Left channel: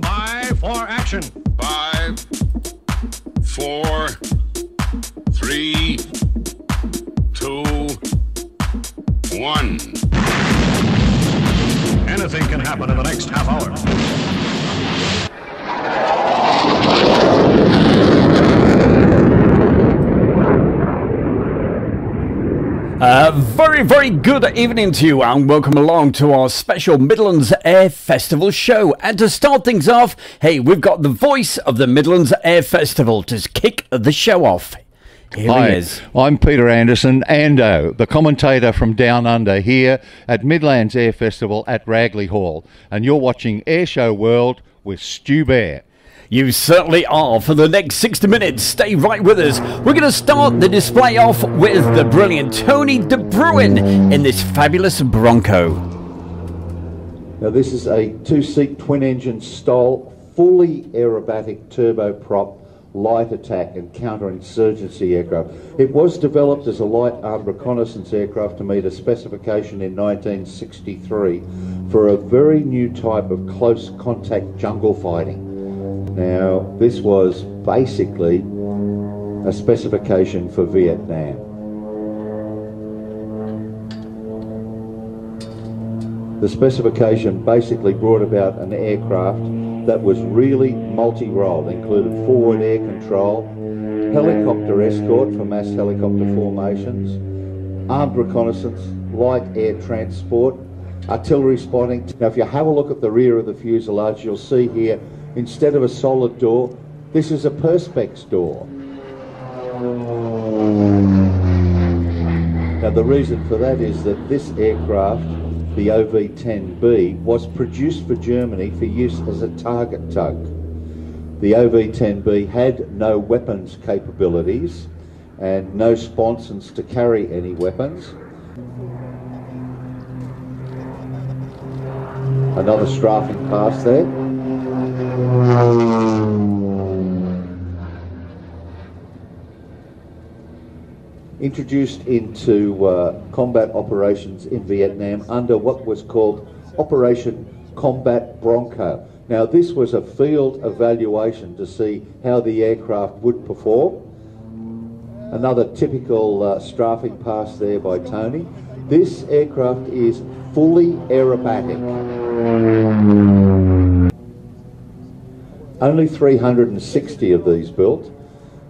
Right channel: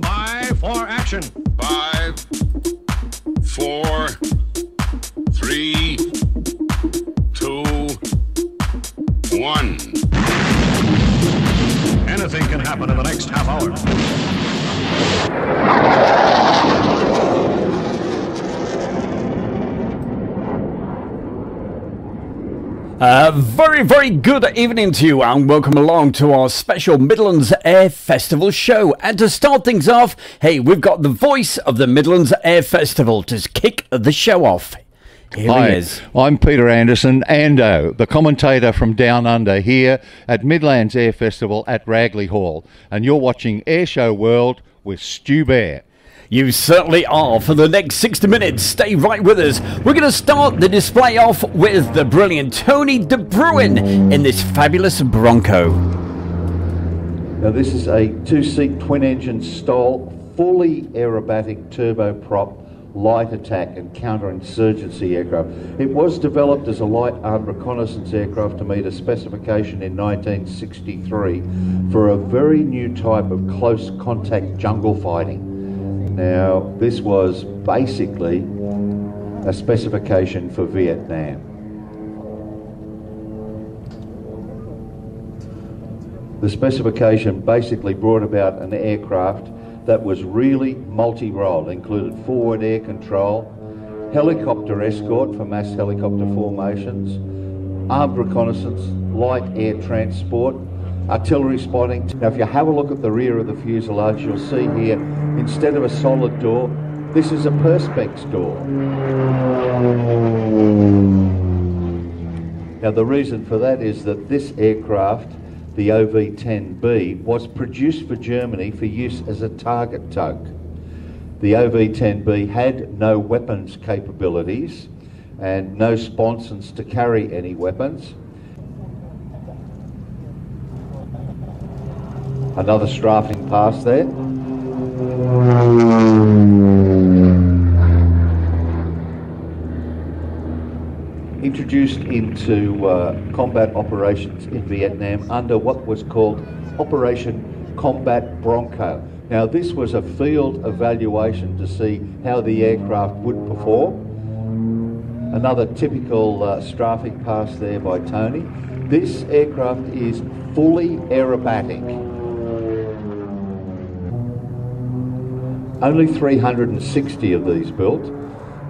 stand by for action. 5, 4, 3, 2, 1. Anything can happen in the next half hour. Very good evening to you, and welcome along to our special Midlands Air Festival show. And to start things off, hey, we've got the voice of the Midlands Air Festival to kick the show off. Here Hi, he is. I'm Peter Anderson, Ando, the commentator from Down Under here at Midlands Air Festival at Ragley Hall. And you're watching Airshow World with Stu Bear. You certainly are. For the next 60 minutes, stay right with us. We're going to start the display off with the brilliant Tony De Bruin in this fabulous Bronco. Now this is a two-seat twin-engine style, fully aerobatic turboprop light attack and counterinsurgency aircraft. It was developed as a light armed reconnaissance aircraft to meet a specification in 1963 for a very new type of close contact jungle fighting. Now, this was basically a specification for Vietnam. The specification basically brought about an aircraft that was really multi-role, included forward air control, helicopter escort for mass helicopter formations, armed reconnaissance, light air transport, artillery spotting. Now, if you have a look at the rear of the fuselage, you'll see here, instead of a solid door, this is a perspex door. Now, the reason for that is that this aircraft, the OV-10B, was produced for Germany for use as a target tug. The OV-10B had no weapons capabilities and no sponsons to carry any weapons. Another strafing pass there. Introduced into combat operations in Vietnam under what was called Operation Combat Bronco. Now this was a field evaluation to see how the aircraft would perform. Another typical strafing pass there by Tony. This aircraft is fully aerobatic. Only 360 of these built,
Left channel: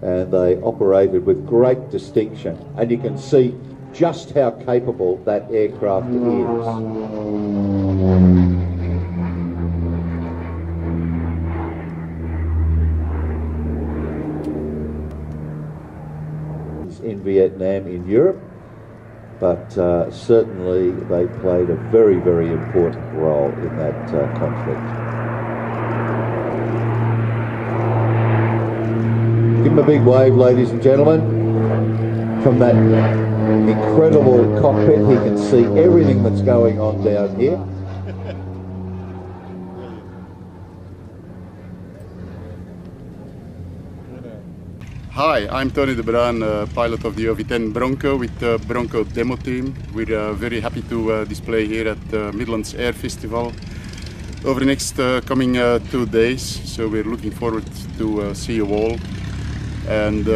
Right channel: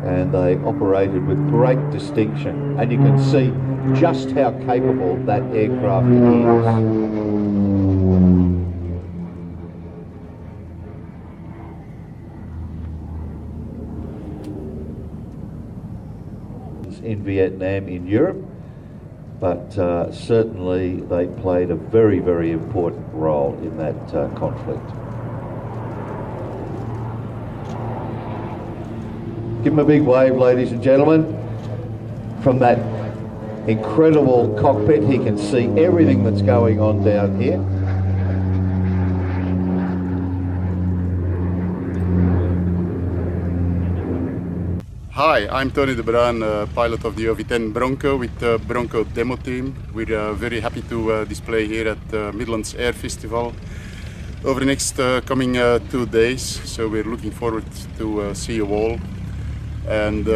and they operated with great distinction. And you can see just how capable that aircraft is. In Vietnam, in Europe, but certainly they played a very, very important role in that conflict. Give him a big wave, ladies and gentlemen. From that incredible cockpit, he can see everything that's going on down here. Hi, I'm Tony De Bruin, pilot of the OV-10 Bronco with the Bronco demo team. We're very happy to display here at the Midlands Air Festival over the next coming 2 days. So we're looking forward to see you all. And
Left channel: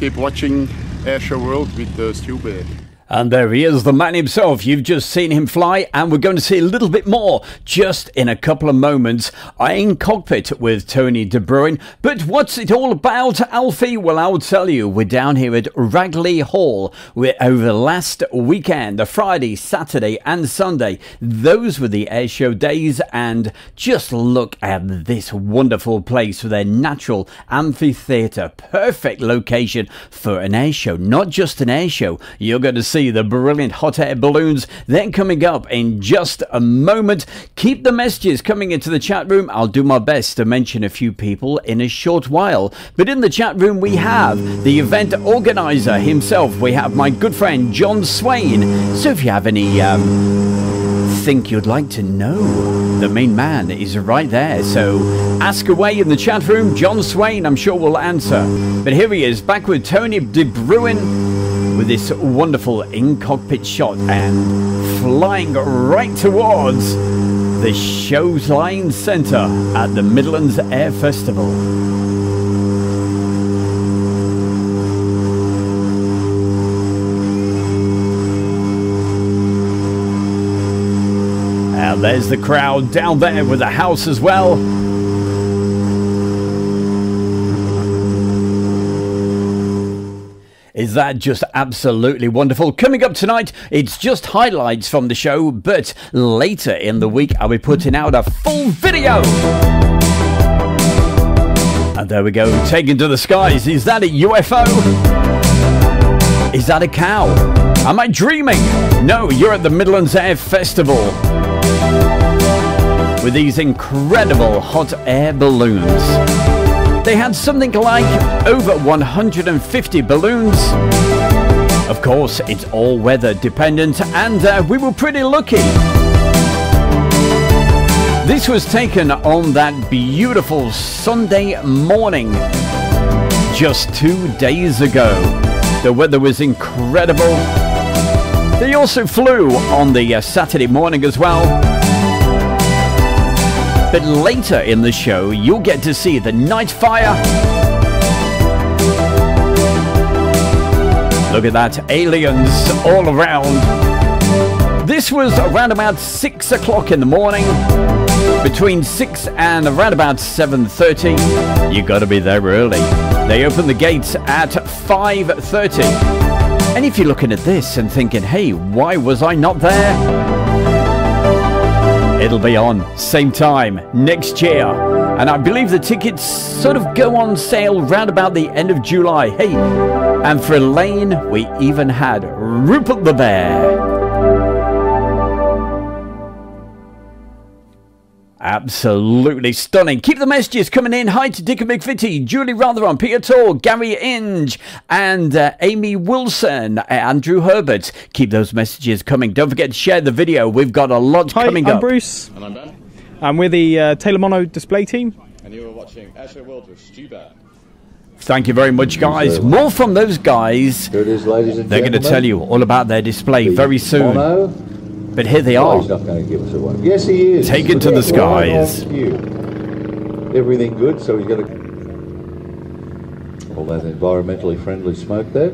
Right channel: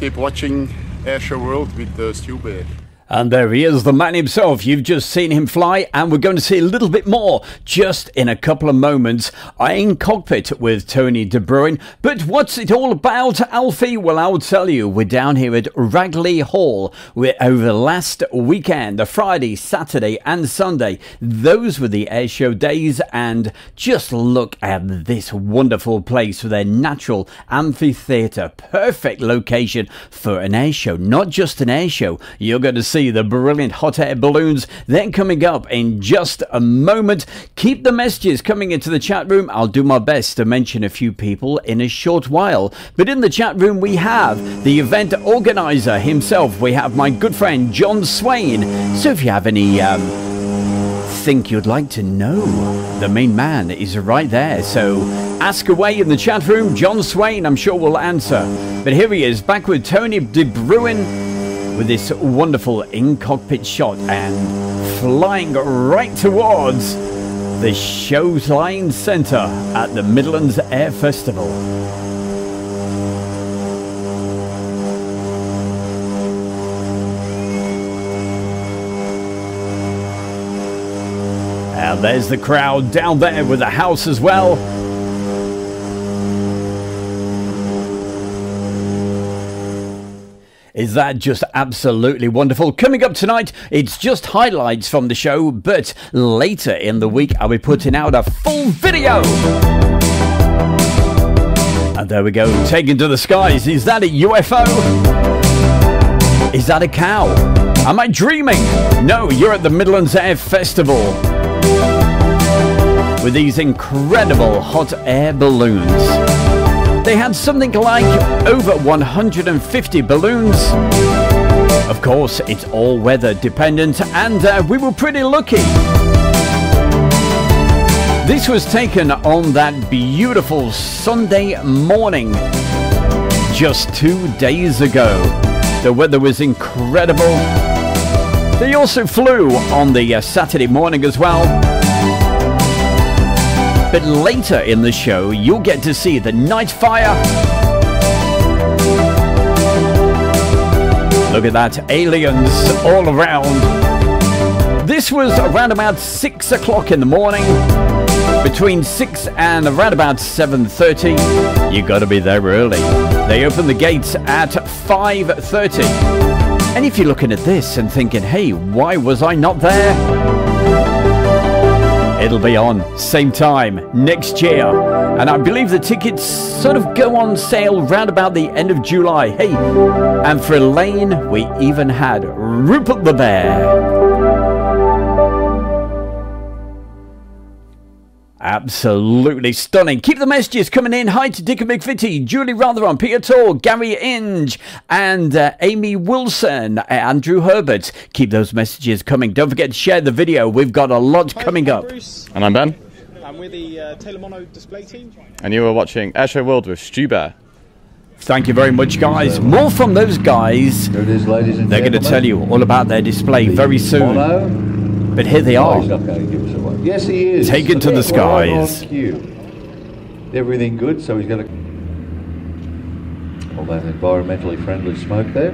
keep watching Airshow World with Stu Bear. And there he is, the man himself. You've just seen him fly, and we're going to see a little bit more just in a couple of moments in cockpit with Tony De Bruin. But what's it all about, Alfie? Well, I'll tell you. We're down here at Ragley Hall. We're over the last weekend, the Friday, Saturday and Sunday. Those were the airshow days, and just look at this wonderful place with their natural amphitheatre. Perfect location for an airshow. Not just an airshow. You're going to see the brilliant hot air balloons. Then coming up in just a moment. Keep the messages coming into the chat room. I'll do my best to mention a few people in a short while. But in the chat room we have the event organizer himself. We have my good friend John Swain. So if you have any think you'd like to know, the main man is right there. So ask away in the chat room. John Swain, I'm sure, will answer. But here he is, back with Tony De Bruin, with this wonderful in-cockpit shot and flying right towards the Showline Centre at the Midlands Air Festival. And there's the crowd down there with the house as well. Is that just absolutely wonderful? Coming up tonight, it's just highlights from the show, but later in the week, I'll be putting out a full video. And there we go, taken to the skies. Is that a UFO? Is that a cow? Am I dreaming? No, you're at the Midlands Air Festival with these incredible hot air balloons. They had something like over 150 balloons. Of course, it's all weather dependent, and we were pretty lucky. This was taken on that beautiful Sunday morning, just 2 days ago. The weather was incredible. They also flew on the Saturday morning as well. But later in the show, you'll get to see the night fire. Look at that, aliens all around. This was around about 6 o'clock in the morning. Between 6 and around about 7:30. You got to be there early. They open the gates at 5:30. And if you're looking at this and thinking, hey, why was I not there? It'll be on same time next year, and I believe the tickets sort of go on sale round about the end of July. Hey, and for Elaine, we even had Rupert the Bear. Absolutely stunning. Keep the messages coming in. Hi to Dick and McVitie, Julie Rotheron, Peter Tor, Gary Inge, and Amy Wilson, Andrew Herbert. Keep those messages coming. Don't forget to share the video. We've got a lot coming up. I'm Bruce. And I'm Ben. And we're the Taylor Mono display team. And you are watching Airshow World with Stu Bear. Thank you very much, guys. More from those guys. Here it is, ladies and They're going to tell you all about their display very soon. But here they are. He's not going to give us away. Yes, he is. Taken to the skies. Everything good, so he's got all that environmentally friendly smoke there.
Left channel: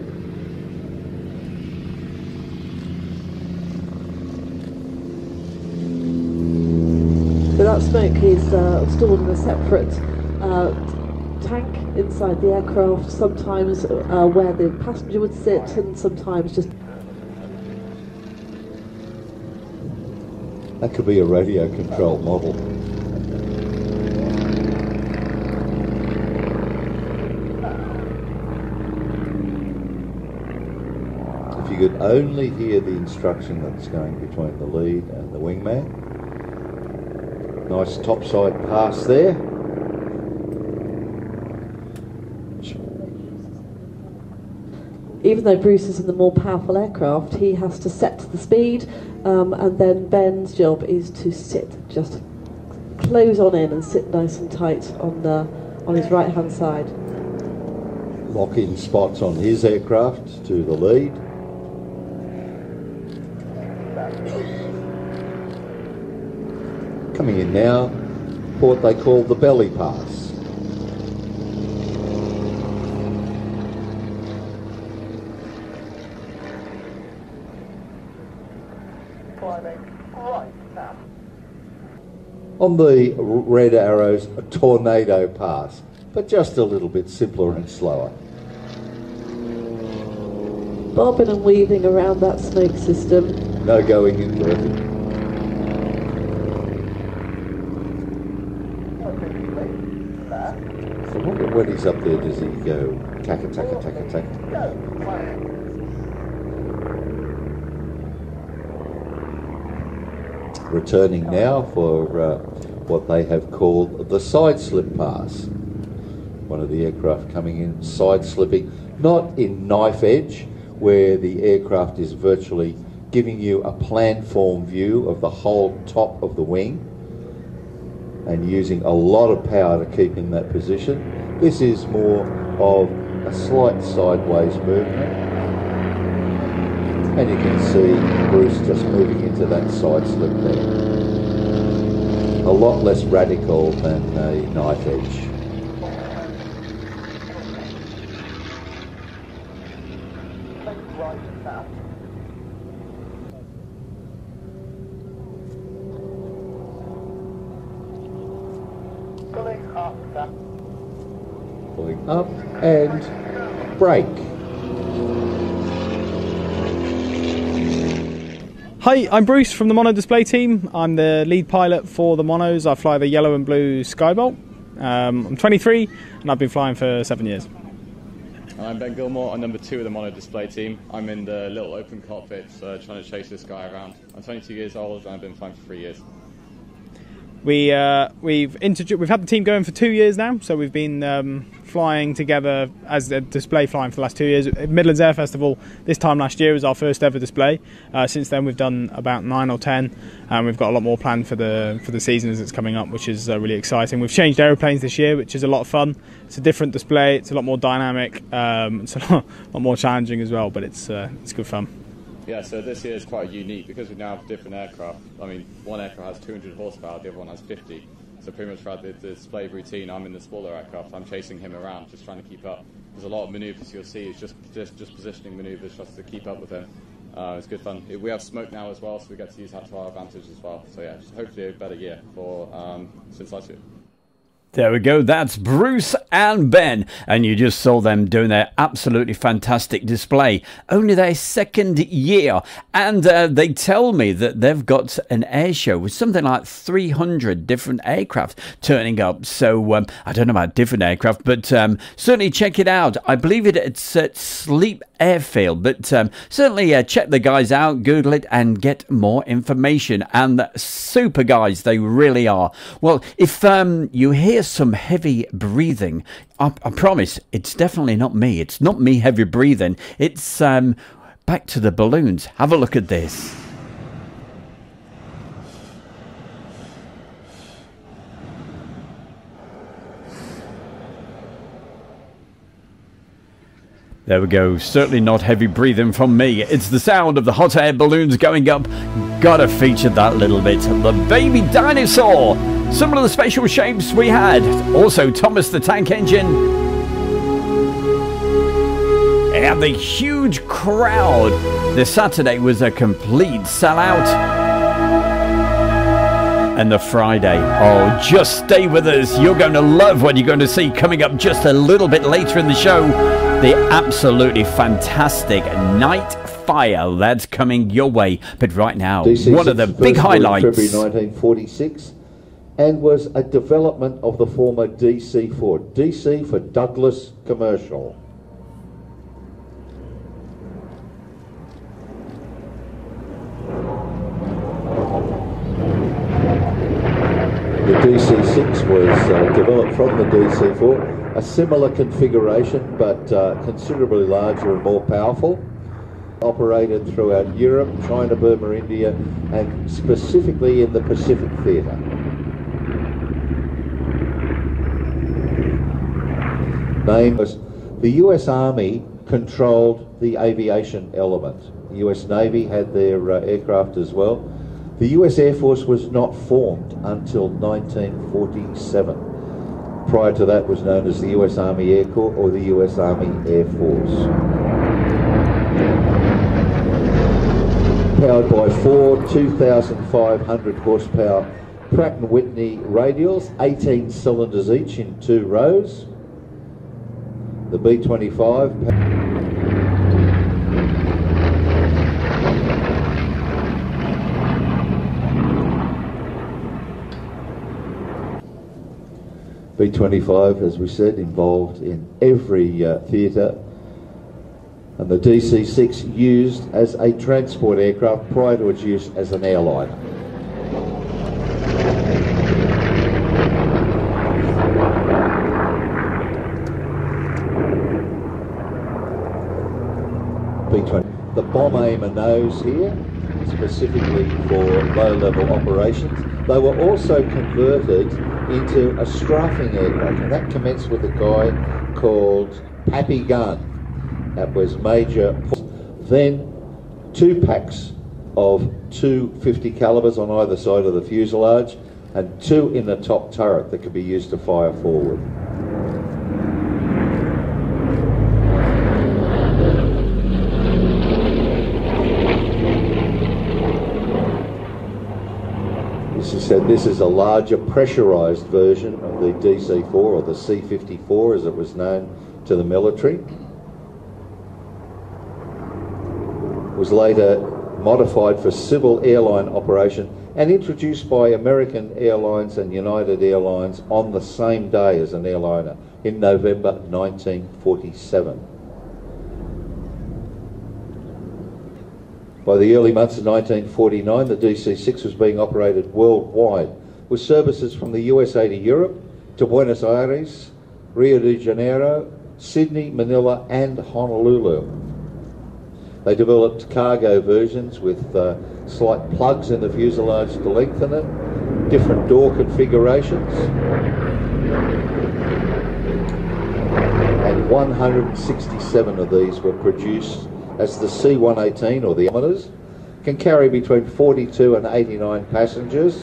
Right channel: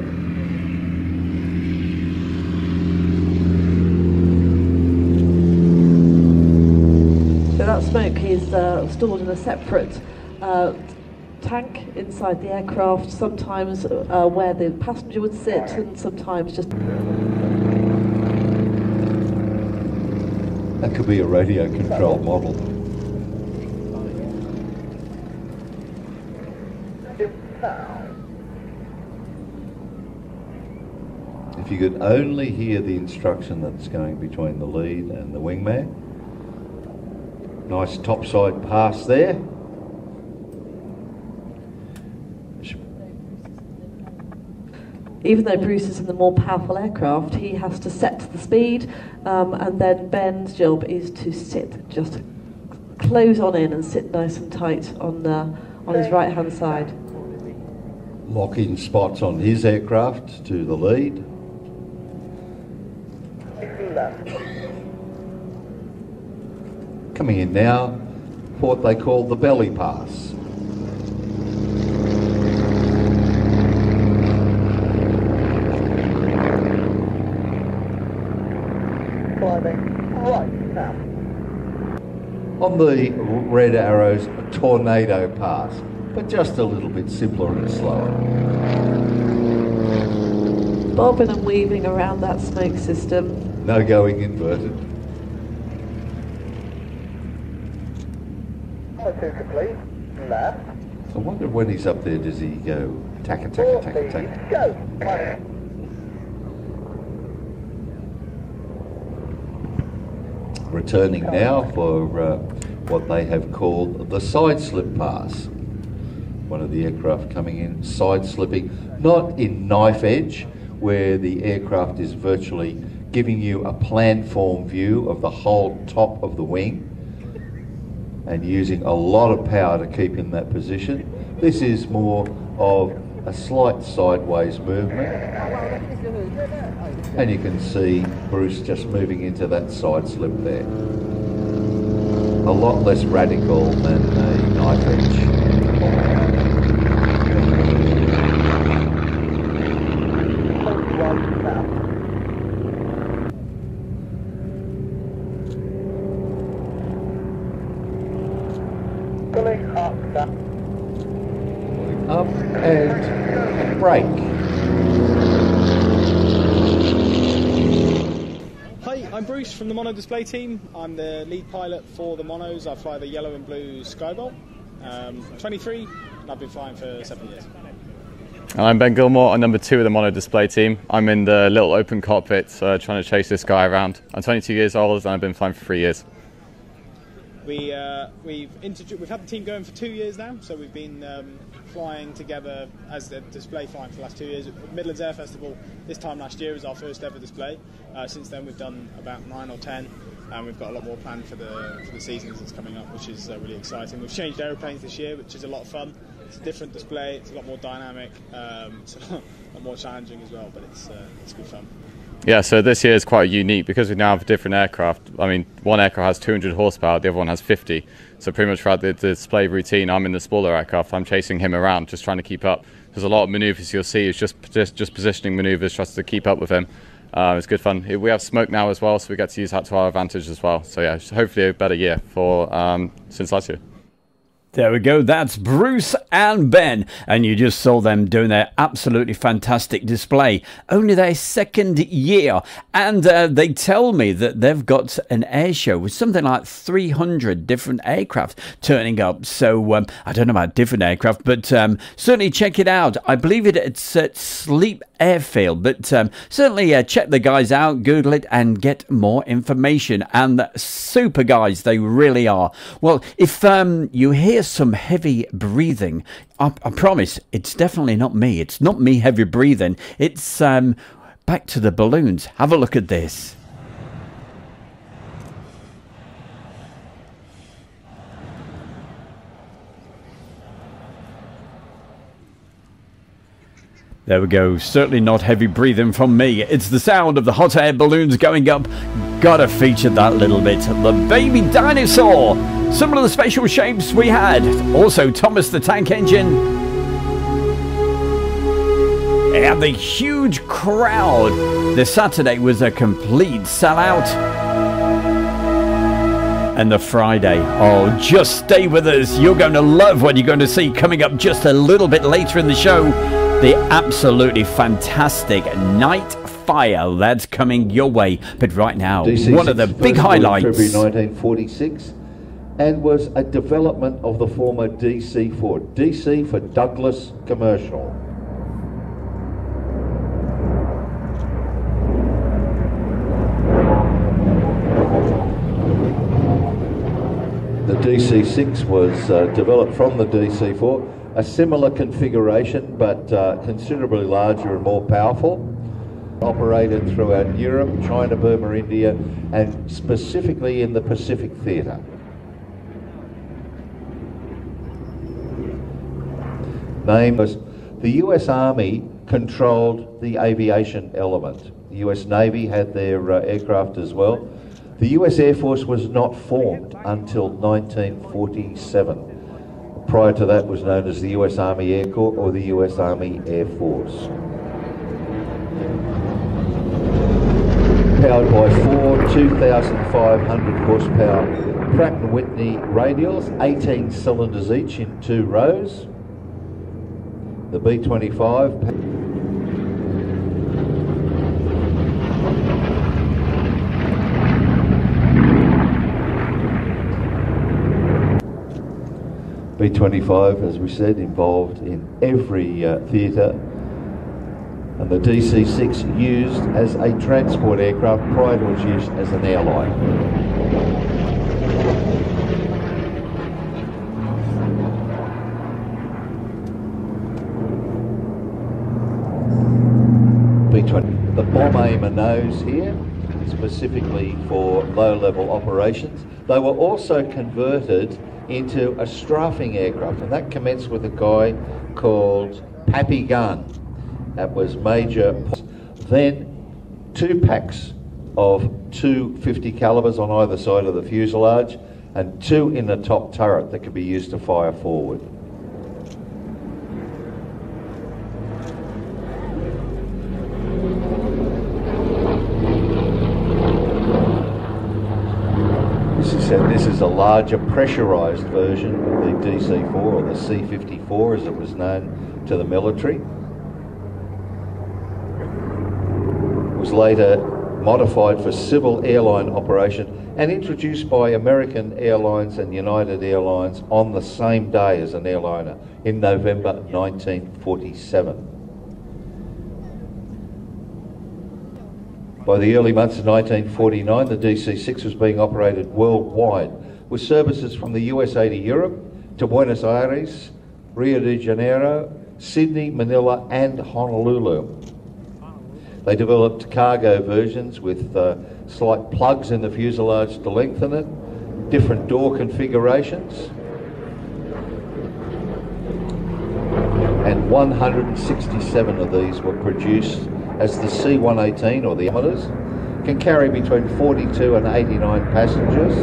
So that smoke is stored in a separate tank inside the aircraft, sometimes where the passenger would sit, and sometimes just... That could be a radio controlled model. If you could only hear the instruction that's going between the lead and the wingman. Nice topside pass there. Even though Bruce is in the more powerful aircraft, he has to set the speed, and then Ben's job is to sit, just close on in and sit nice and tight on his right hand side. Lock in spots on his aircraft to the lead. Coming in now, what they call the belly pass. On the red arrows, a tornado pass, but just a little bit simpler and slower. Bobbing and weaving around that smoke system. No going into it. So when he's up there, does he go taka taka taka taka? Returning now for what they have called the side slip pass. One of the aircraft coming in side slipping, not in knife edge, where the aircraft is virtually giving you a planform view of the whole top of the wing and using a lot of power to keep in that position. This is more of a slight sideways movement. And you can see Bruce just moving into that side slip there. a lot less radical than a knife edge. Up and brake. Hi, I'm Bruce from the Mono Display team. I'm the lead pilot for the Monos. I fly the yellow and blue Skybolt. I'm 23 and I've been flying for 7 years. I'm Ben Gilmore. I'm number 2 of the Mono Display team. I'm in the little open cockpit trying to chase this guy around. I'm 22 years old and I've been flying for 3 years. We've had the team going for 2 years now, so we've been flying together as a display flying for the last 2 years. Midlands Air Festival this time last year was our first ever display. Since then we've done about 9 or 10, and we've got a lot more planned for the season as it's coming up, which is really exciting. We've changed aeroplanes this year, which is a lot of fun. It's a different display, it's a lot more dynamic, it's a lot more challenging as well, but it's good fun. Yeah, so this year is quite unique because we now have different aircraft. I mean, one aircraft has 200 horsepower, the other one has 50. So pretty much throughout the display routine, I'm in the smaller aircraft. I'm chasing him around, just trying to keep up. There's a lot of manoeuvres you'll see. It's just positioning manoeuvres just to keep up with him. It's good fun. We have smoke now as well, so we get to use that to our advantage as well. So yeah, hopefully a better year for since last year. There we go, that's Bruce and Ben, and you just saw them doing their absolutely fantastic display. Only their second year, and they tell me that they've got an air show with something like 300 different aircraft turning up. So I don't know about different aircraft, but certainly check it out. I believe it's at Sleep Airfield, but certainly check the guys out, Google it, and get more information. And super guys, they really are. Well, if you hear some heavy breathing, I promise it's definitely not me. It's not me heavy breathing. It's back to the balloons. Have a look at this. There we go, certainly not heavy breathing from me. It's the sound of the hot air balloons going up. Gotta feature that little bit. The baby dinosaur. Some of the special shapes we had. Also Thomas the Tank Engine. And the huge crowd. This Saturday was a complete sellout. And the Friday, oh, just stay with us. You're going to love what you're going to see coming up just a little bit later in the show. The absolutely fantastic Night Fire that's coming your way. But right now, one of the big highlights. February 1946, and was a development of the former DC-4. DC for Douglas Commercial. The DC-6 was developed from the DC-4. A similar configuration, but considerably larger and more powerful. Operated throughout Europe, China, Burma, India, and specifically in the Pacific Theatre. Name was the US Army controlled the aviation element. The US Navy had their aircraft as well. The US Air Force was not formed until 1947. Prior to that was known as the US Army Air Corps or the US Army Air Force. Powered by 4 2,500 horsepower Pratt & Whitney radials, 18 cylinders each in 2 rows. The B-25 B-25, as we said, involved in every theatre, and the DC-6 used as a transport aircraft prior to its use as an airline. B-20, the bomb aimer nose here, specifically for low-level operations. They were also converted into a strafing aircraft, and that commenced with a guy called Pappy Gunn. That was Major. Then 2 packs of 250 calibers on either side of the fuselage, and 2 in the top turret that could be used to fire forward. This is a larger pressurised version of the DC-4, or the C-54 as it was known to the military. It was later modified for civil airline operation and introduced by American Airlines and United Airlines on the same day as an airliner in November 1947. By the early months of 1949, the DC-6 was being operated worldwide, with services from the USA to Europe, to Buenos Aires, Rio de Janeiro, Sydney, Manila and Honolulu. They developed cargo versions with slight plugs in the fuselage to lengthen it, different door configurations, and 167 of these were produced as the C-118, or the diameters, can carry between 42 and 89 passengers.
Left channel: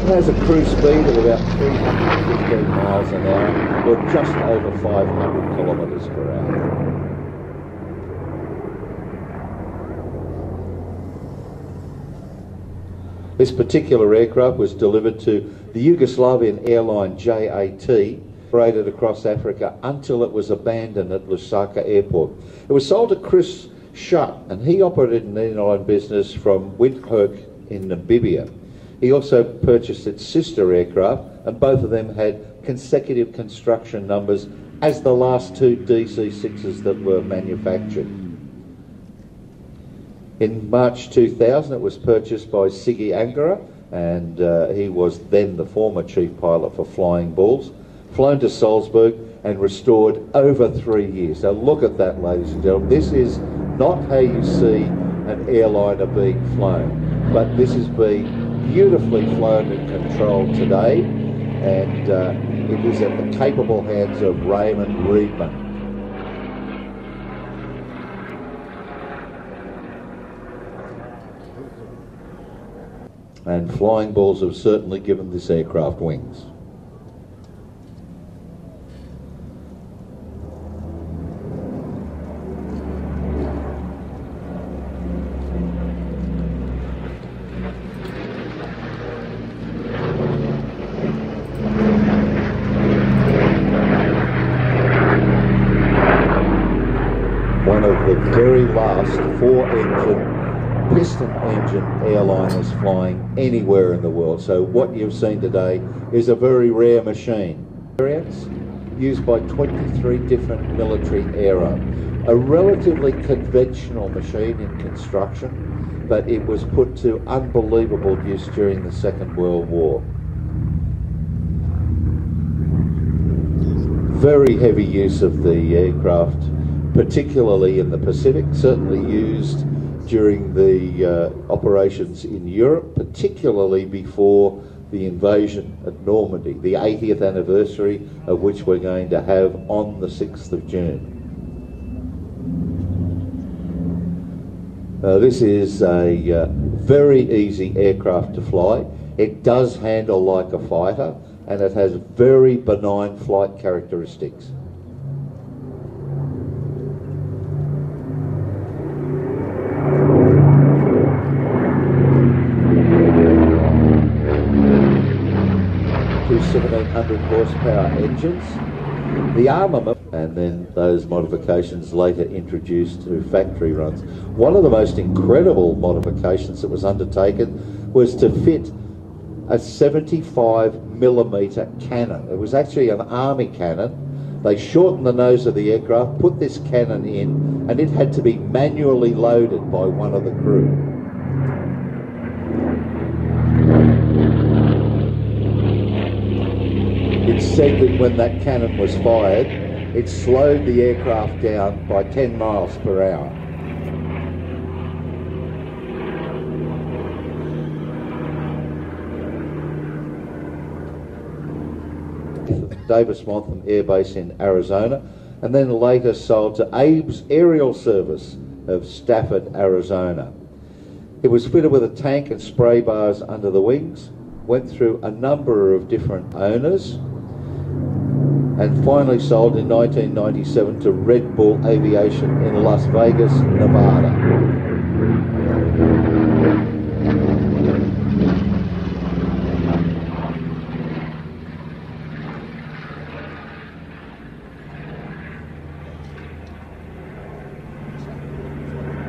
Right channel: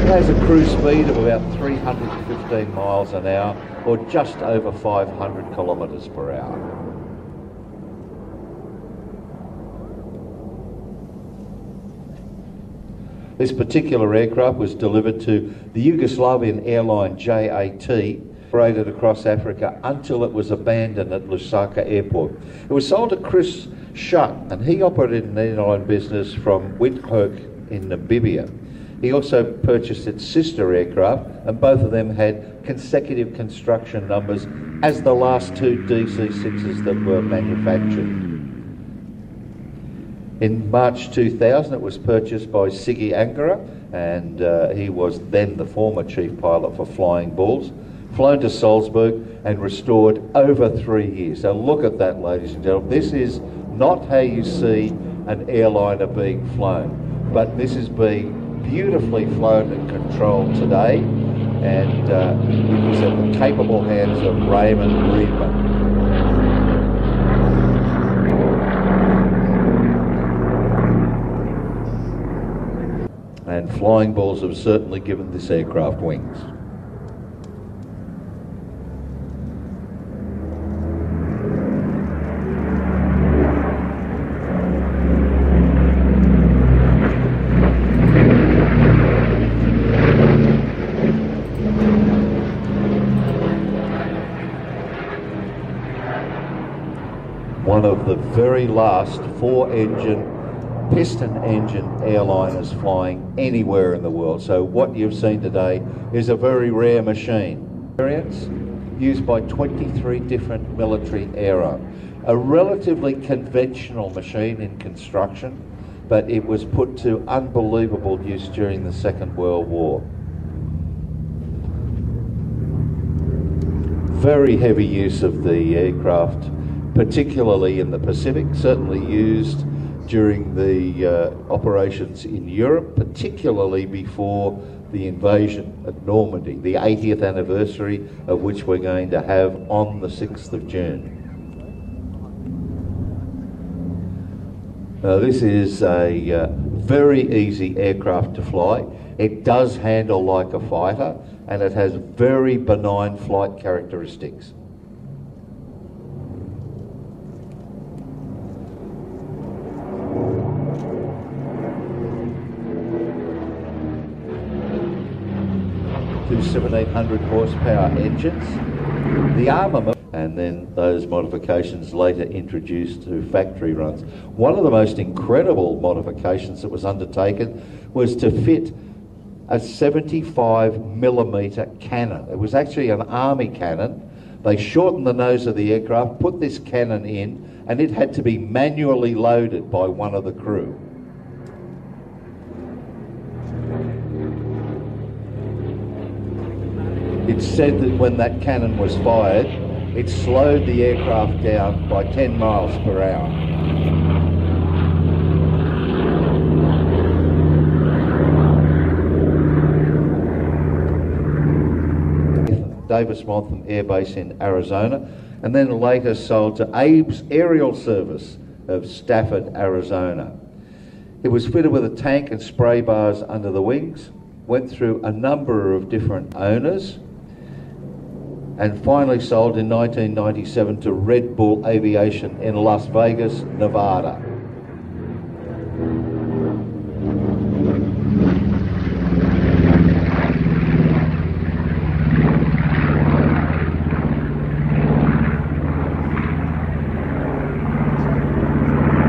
It has a cruise speed of about 315 miles an hour, or just over 500 kilometres per hour. This particular aircraft was delivered to the Yugoslavian airline JAT, operated across Africa until it was abandoned at Lusaka Airport. It was sold to Chris Schutt, and he operated an airline business from Windhoek in Namibia. He also purchased its sister aircraft, and both of them had consecutive construction numbers as the last 2 DC-6s that were manufactured. In March 2000, it was purchased by Siggy Angara, and he was then the former chief pilot for Flying Bulls, flown to Salzburg and restored over 3 years. So look at that, ladies and gentlemen. This is not how you see an airliner being flown, but this is being beautifully flown and controlled today, and it is in the capable hands of Raymond Reedman. And Flying Bulls have certainly given this aircraft wings. One of the very last 4-engine piston-engine airliners flying anywhere in the world. So what you've seen today is a very rare machine. Used by 23 different military aero. A relatively conventional machine in construction, but it was put to unbelievable use during the Second World War. Very heavy use of the aircraft, particularly in the Pacific, certainly used during the operations in Europe, particularly before the invasion of Normandy, the 80th anniversary of which we're going to have on the 6th of June. Now, this is a very easy aircraft to fly. It does handle like a fighter, and it has very benign flight characteristics. Two 1700 horsepower engines, the armament, and then those modifications later introduced to factory runs. One of the most incredible modifications that was undertaken was to fit a 75mm cannon. It was actually an army cannon. They shortened the nose of the aircraft, put this cannon in, and it had to be manually loaded by one of the crew. It's said that when that cannon was fired, it slowed the aircraft down by 10 miles per hour. Davis-Monthan Air Base in Arizona, and then later sold to Abe's Aerial Service of Stafford, Arizona. It was fitted with a tank and spray bars under the wings, went through a number of different owners, and finally sold in 1997 to Red Bull Aviation in Las Vegas, Nevada.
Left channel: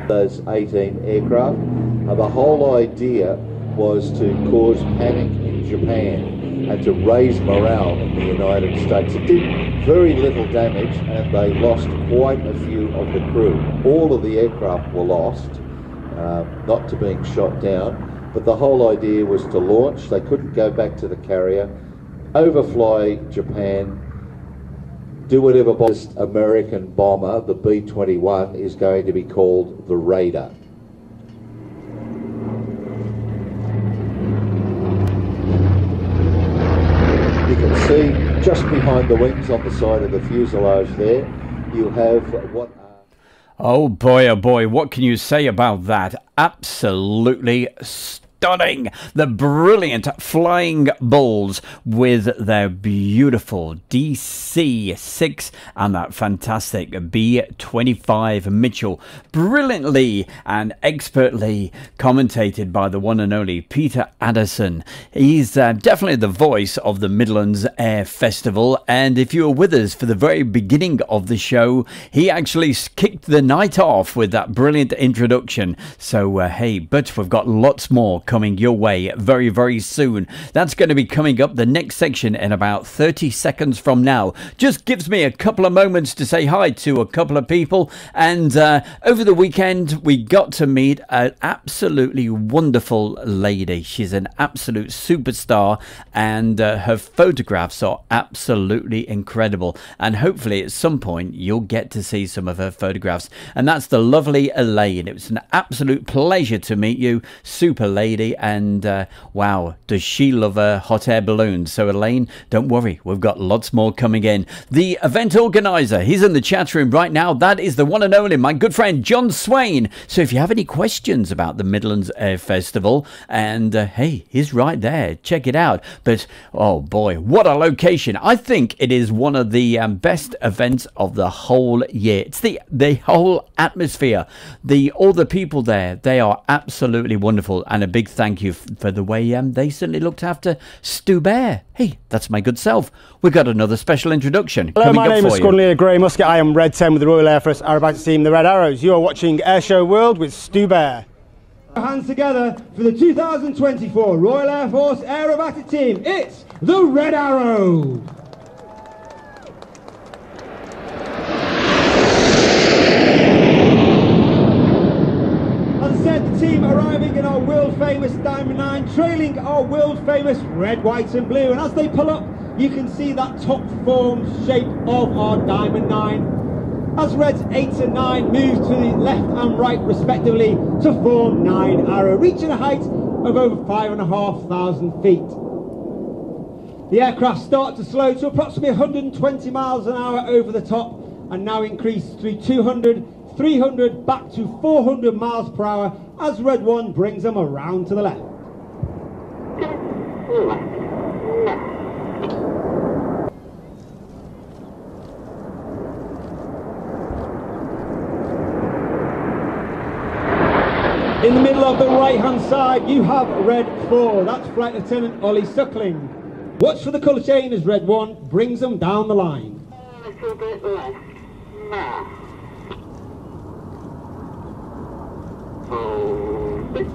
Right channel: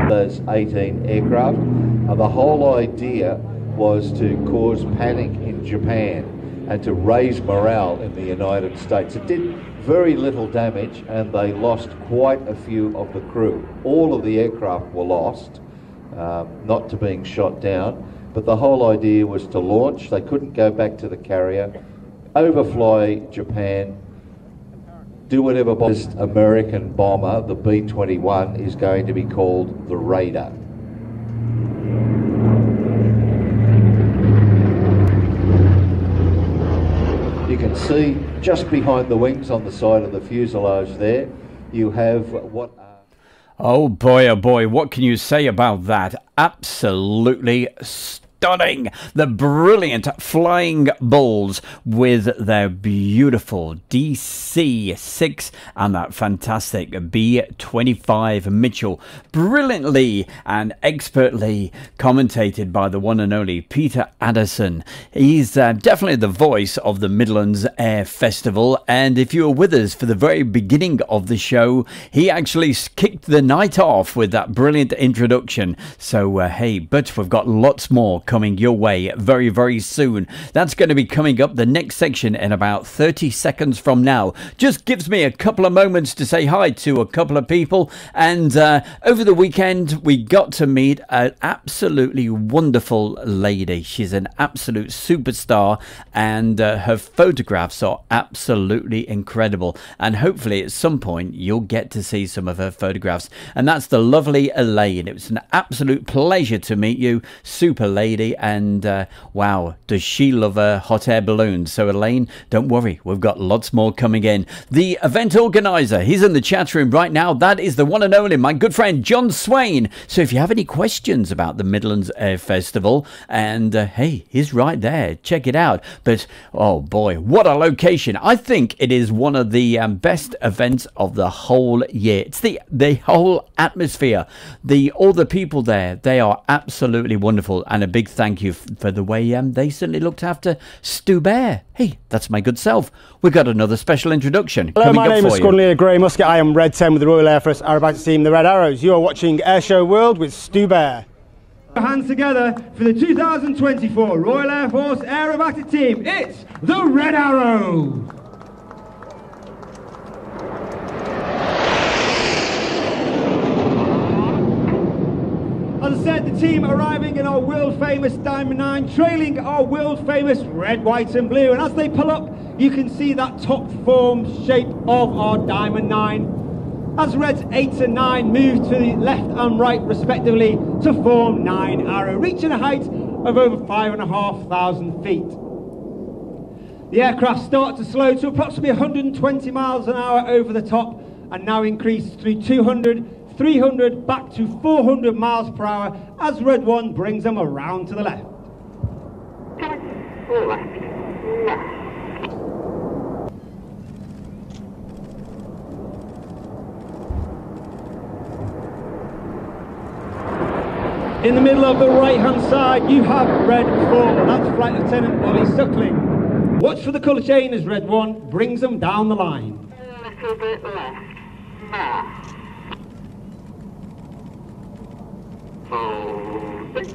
Those 18 aircraft, and the whole idea was to cause panic in Japan and to raise morale in the United States. It did very little damage, and they lost quite a few of the crew. All of the aircraft were lost, not to being shot down, but the whole idea was to launch. They couldn't go back to the carrier, overfly Japan, do whatever. This American bomber, the B-21, is going to be called the Raider. You can see just behind the wings on the side of the fuselage there, you have what... Oh boy, what can you say about that? Absolutely stunning. The brilliant Flying Bulls with their beautiful DC-6 and that fantastic B-25 Mitchell. Brilliantly and expertly commentated by the one and only Peter Addison. He's definitely the voice of the Midlands Air Festival, and if you were with us for the very beginning of the show, he actually kicked the night off with that brilliant introduction. So hey, but we've got lots more coming your way very, very soon. That's going to be coming up the next section in about 30 seconds from now. Just gives me a couple of moments to say hi to a couple of people, and over the weekend we got to meet an absolutely wonderful lady. She's an absolute superstar, and her photographs are absolutely incredible, and hopefully at some point you'll get to see some of her photographs. And that's the lovely Elaine. It was an absolute pleasure to meet you, super lady, and wow, does she love her hot air balloons. So Elaine, don't worry, we've got lots more coming in. The event organizer, he's in the chat room right now. That is the one and only, my good friend John Swain. So if you have any questions about the Midlands Air Festival, and hey, he's right there, check it out. But oh boy, what a location. I think it is one of the best events of the whole year. It's the whole atmosphere, all the people there, they are absolutely wonderful, and a big thank you for the way they certainly looked after Stu Bear. Hey, that's my good self. We've got another special introduction. Hello, coming my name is Squadron Grey Musket. I am Red 10 with the Royal Air Force Aerobatics Team, the Red Arrows. You are watching Airshow World with Stu Bear. Hands together for the 2024 Royal Air Force Aerobatic Team. It's the Red Arrow. As I said, the team arriving in our world-famous Diamond 9, trailing our world-famous red, white and blue. And as they pull up, you can see that top form shape of our Diamond 9. As Reds 8 and 9 move to the left and right respectively to form 9 Arrow, reaching a height of over 5,500 feet. The aircraft start to slow to approximately 120 miles an hour over the top, and now increase through 200, 300 back to 400 miles per hour as Red 1 brings them around to the left. In the middle of the right hand side you have Red 4, that's Flight Lieutenant Ollie Suckling. Watch for the colour chain as Red 1 brings them down the line. A little bit left. Now. Hold it.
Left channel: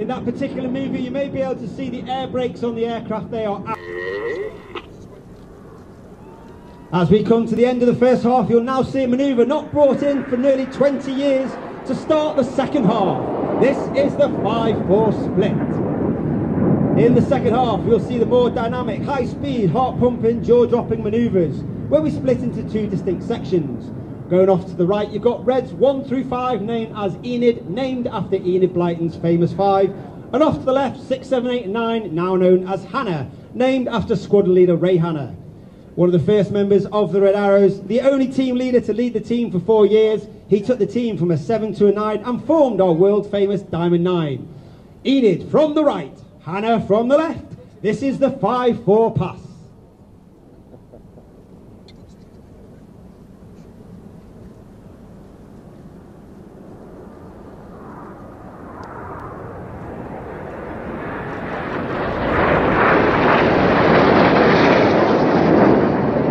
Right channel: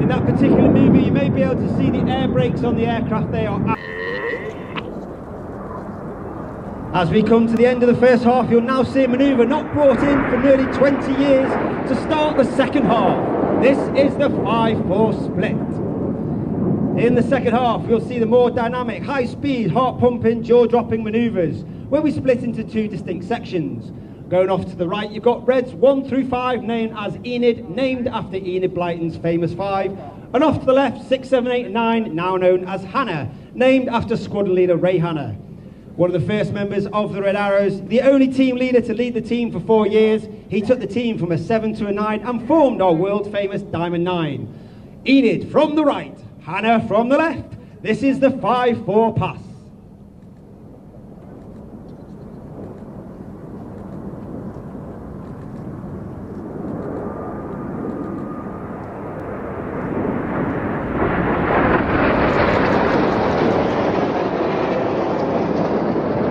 In that particular movie you may be able to see the air brakes on the aircraft. They are out. As we come to the end of the first half, you'll now see a manoeuvre not brought in for nearly 20 years to start the second half. This is the 5-4 split. In the second half, we'll see the more dynamic, high-speed, heart-pumping, jaw-dropping manoeuvres, where we split into two distinct sections. Going off to the right, you've got reds 1 through 5, named as Enid, named after Enid Blyton's famous 5. And off to the left, 6, 7, 8, and 9, now known as Hannah, named after squadron leader Ray Hannah. One of the first members of the Red Arrows, the only team leader to lead the team for 4 years. He took the team from a 7 to a 9 and formed our world famous Diamond 9. Enid from the right, Hannah from the left. This is the 5-4 pass.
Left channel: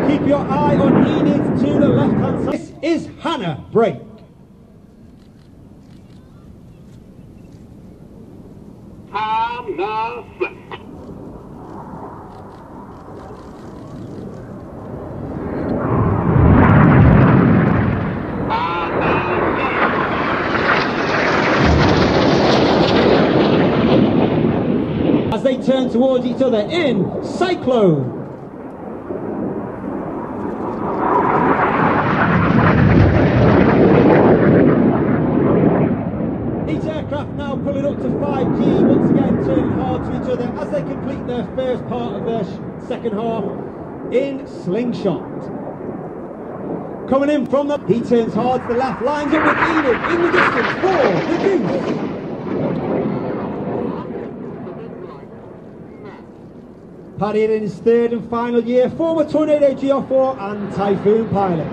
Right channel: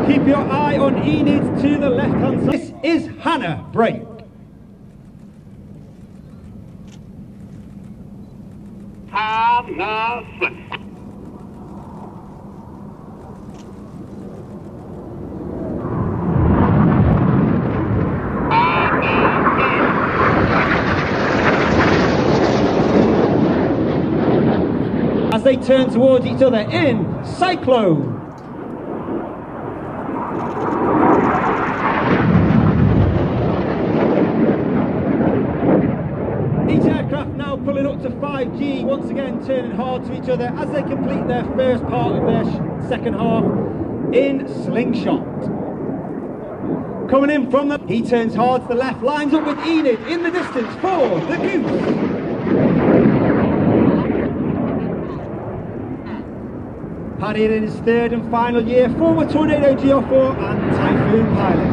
Keep your eye on Enid to the left-hand side. This is Hannah, break. Hannah, flip. As they turn towards each other in Cyclone. Each aircraft now pulling up to 5G, once again turning hard to each other as they complete their first part of their second half in Slingshot. Coming in from the... He turns hard to the left, lines up with Enid in the distance for the Goose. Paddy in his third and final year, former Tornado GR4 and Typhoon pilot.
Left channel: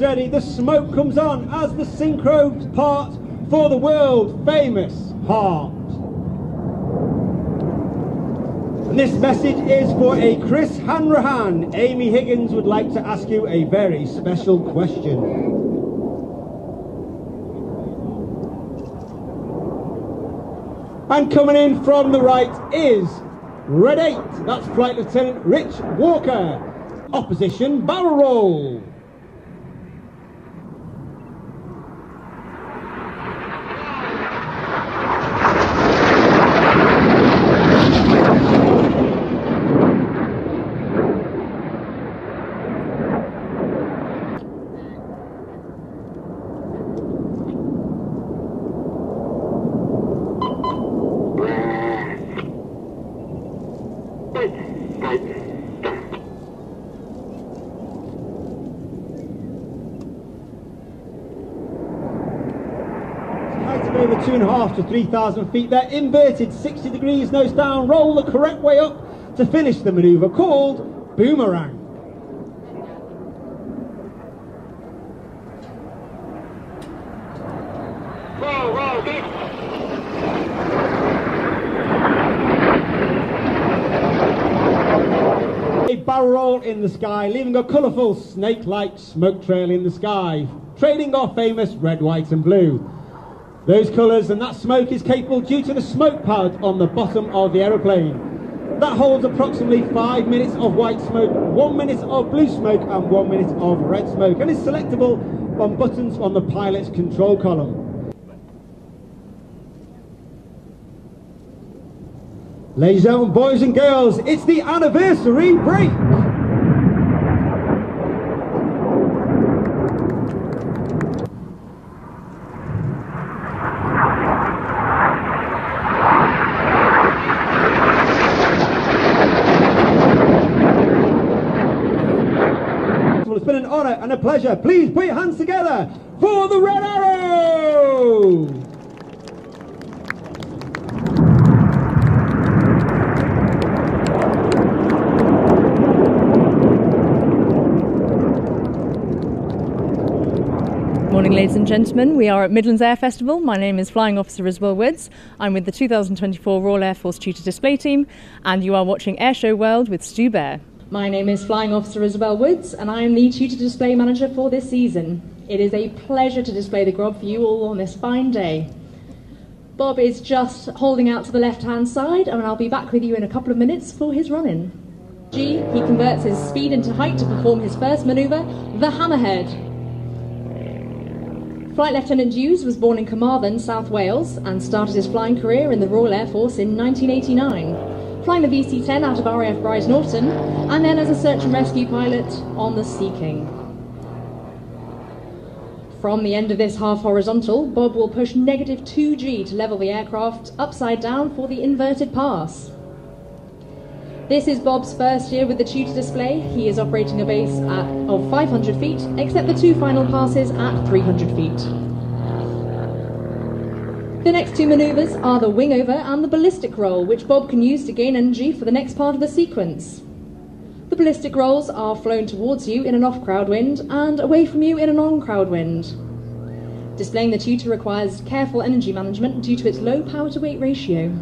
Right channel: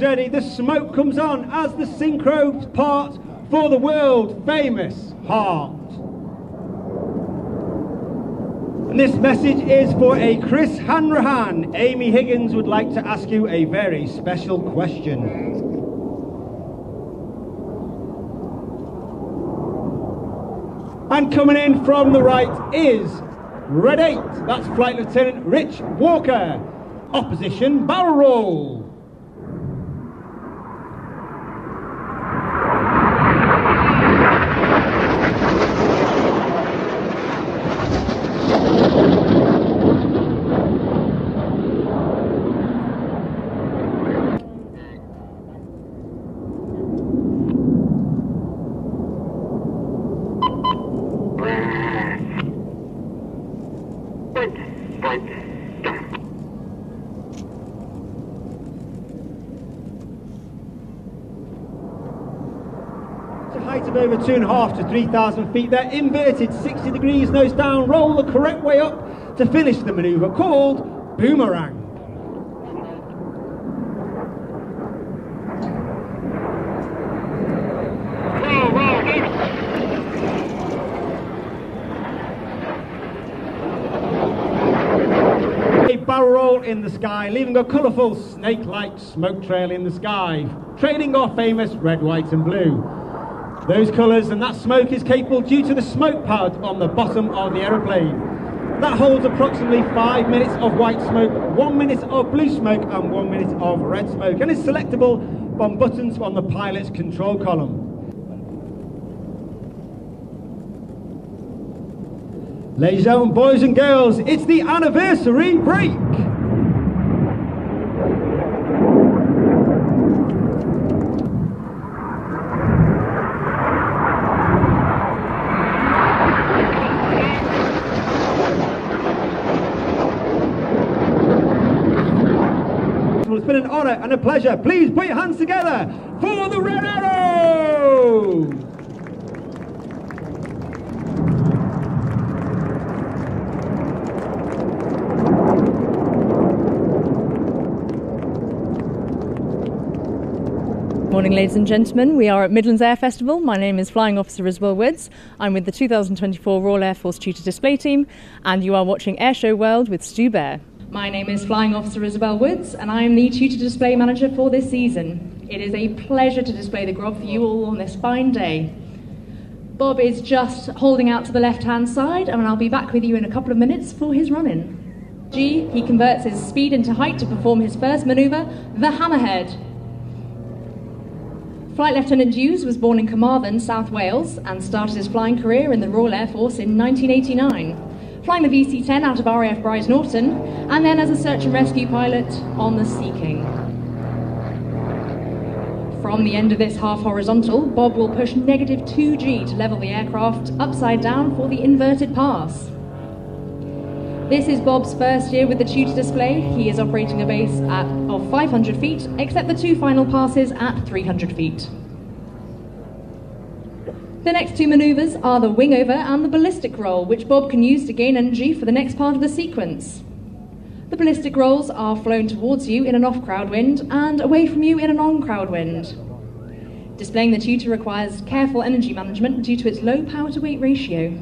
Ready, the smoke comes on as the synchro part for the world famous heart. And this message is for a Chris Hanrahan. Amy Higgins would like to ask you a very special question. And coming in from the right is Red 8, that's Flight Lieutenant Rich Walker. Opposition barrel roll. Height of over 2.5 to 3,000 feet. They're inverted 60 degrees, nose down, roll the correct way up to finish the manoeuvre called boomerang. A barrel roll in the sky, leaving a colourful snake-like smoke trail in the sky, trailing our famous red, white and blue. Those colours and that smoke is capable due to the smoke pad on the bottom of the aeroplane. That holds approximately 5 minutes of white smoke, 1 minute of blue smoke and 1 minute of red smoke, and is selectable on buttons on the pilot's control column. Ladies and gentlemen, boys and girls, it's the anniversary break! It's been an honour and a pleasure. Please put your hands together for the Red Arrows! Morning, ladies and gentlemen. We are at Midlands Air Festival. My name is Flying Officer Isabel Woods. I'm with the 2024 Royal Air Force Tutor Display Team, and you are watching Airshow World with Stu Bear. My name is Flying Officer Isabel Woods, and I am the Tutor Display Manager for this season. It is a pleasure to display the Grob for you all on this fine day. Bob is just holding out to the left-hand side, and I'll be back with you in a couple of minutes for his run-in. G, he converts his speed into height to perform his first manoeuvre, the Hammerhead. Flight Lieutenant Hughes was born in Carmarthen, South Wales, and started his flying career in the Royal Air Force in 1989, flying the VC-10 out of RAF Brize Norton, and then as a search and rescue pilot on the Sea King. From the end of this half horizontal, Bob will push negative 2G to level the aircraft upside down for the inverted pass. This is Bob's first year with the tutor display. He is operating a base of 500 feet, except the 2 final passes at 300 feet. The next 2 manoeuvres are the wing over and the ballistic roll, which Bob can use to gain energy for the next part of the sequence. The ballistic rolls are flown towards you in an off-crowd wind and away from you in an on-crowd wind. Displaying the tutor requires careful energy management due to its low power-to-weight ratio.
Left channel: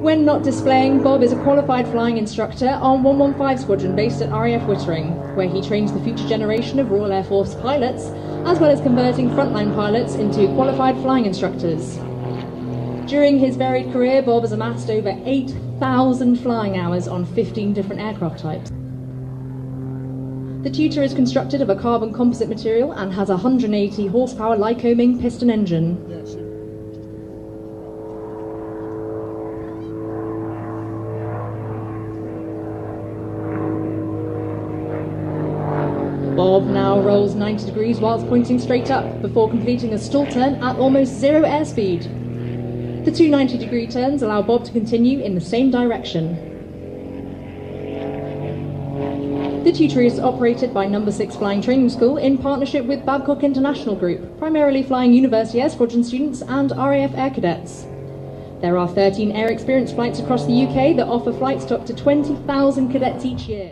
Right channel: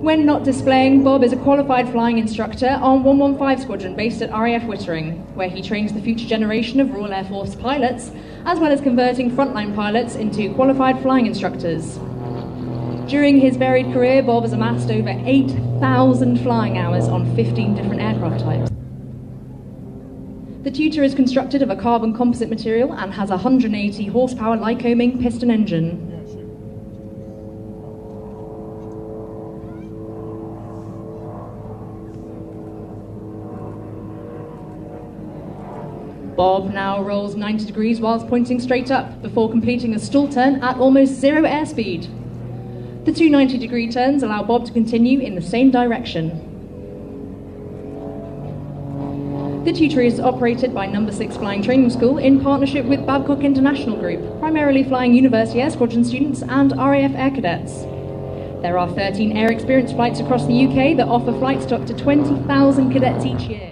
When not displaying, Bob is a qualified flying instructor on 115 Squadron based at RAF Wittering, where he trains the future generation of Royal Air Force pilots, as well as converting frontline pilots into qualified flying instructors. During his varied career, Bob has amassed over 8,000 flying hours on 15 different aircraft types. The tutor is constructed of a carbon composite material and has a 180 horsepower Lycoming piston engine. Bob now rolls 90 degrees whilst pointing straight up before completing a stall turn at almost 0 airspeed. The 2 90-degree turns allow Bob to continue in the same direction. The tutor is operated by No. 6 Flying Training School in partnership with Babcock International Group, primarily flying University Air Squadron students and RAF Air Cadets. There are 13 air experience flights across the UK that offer flights to up to 20,000 cadets each year.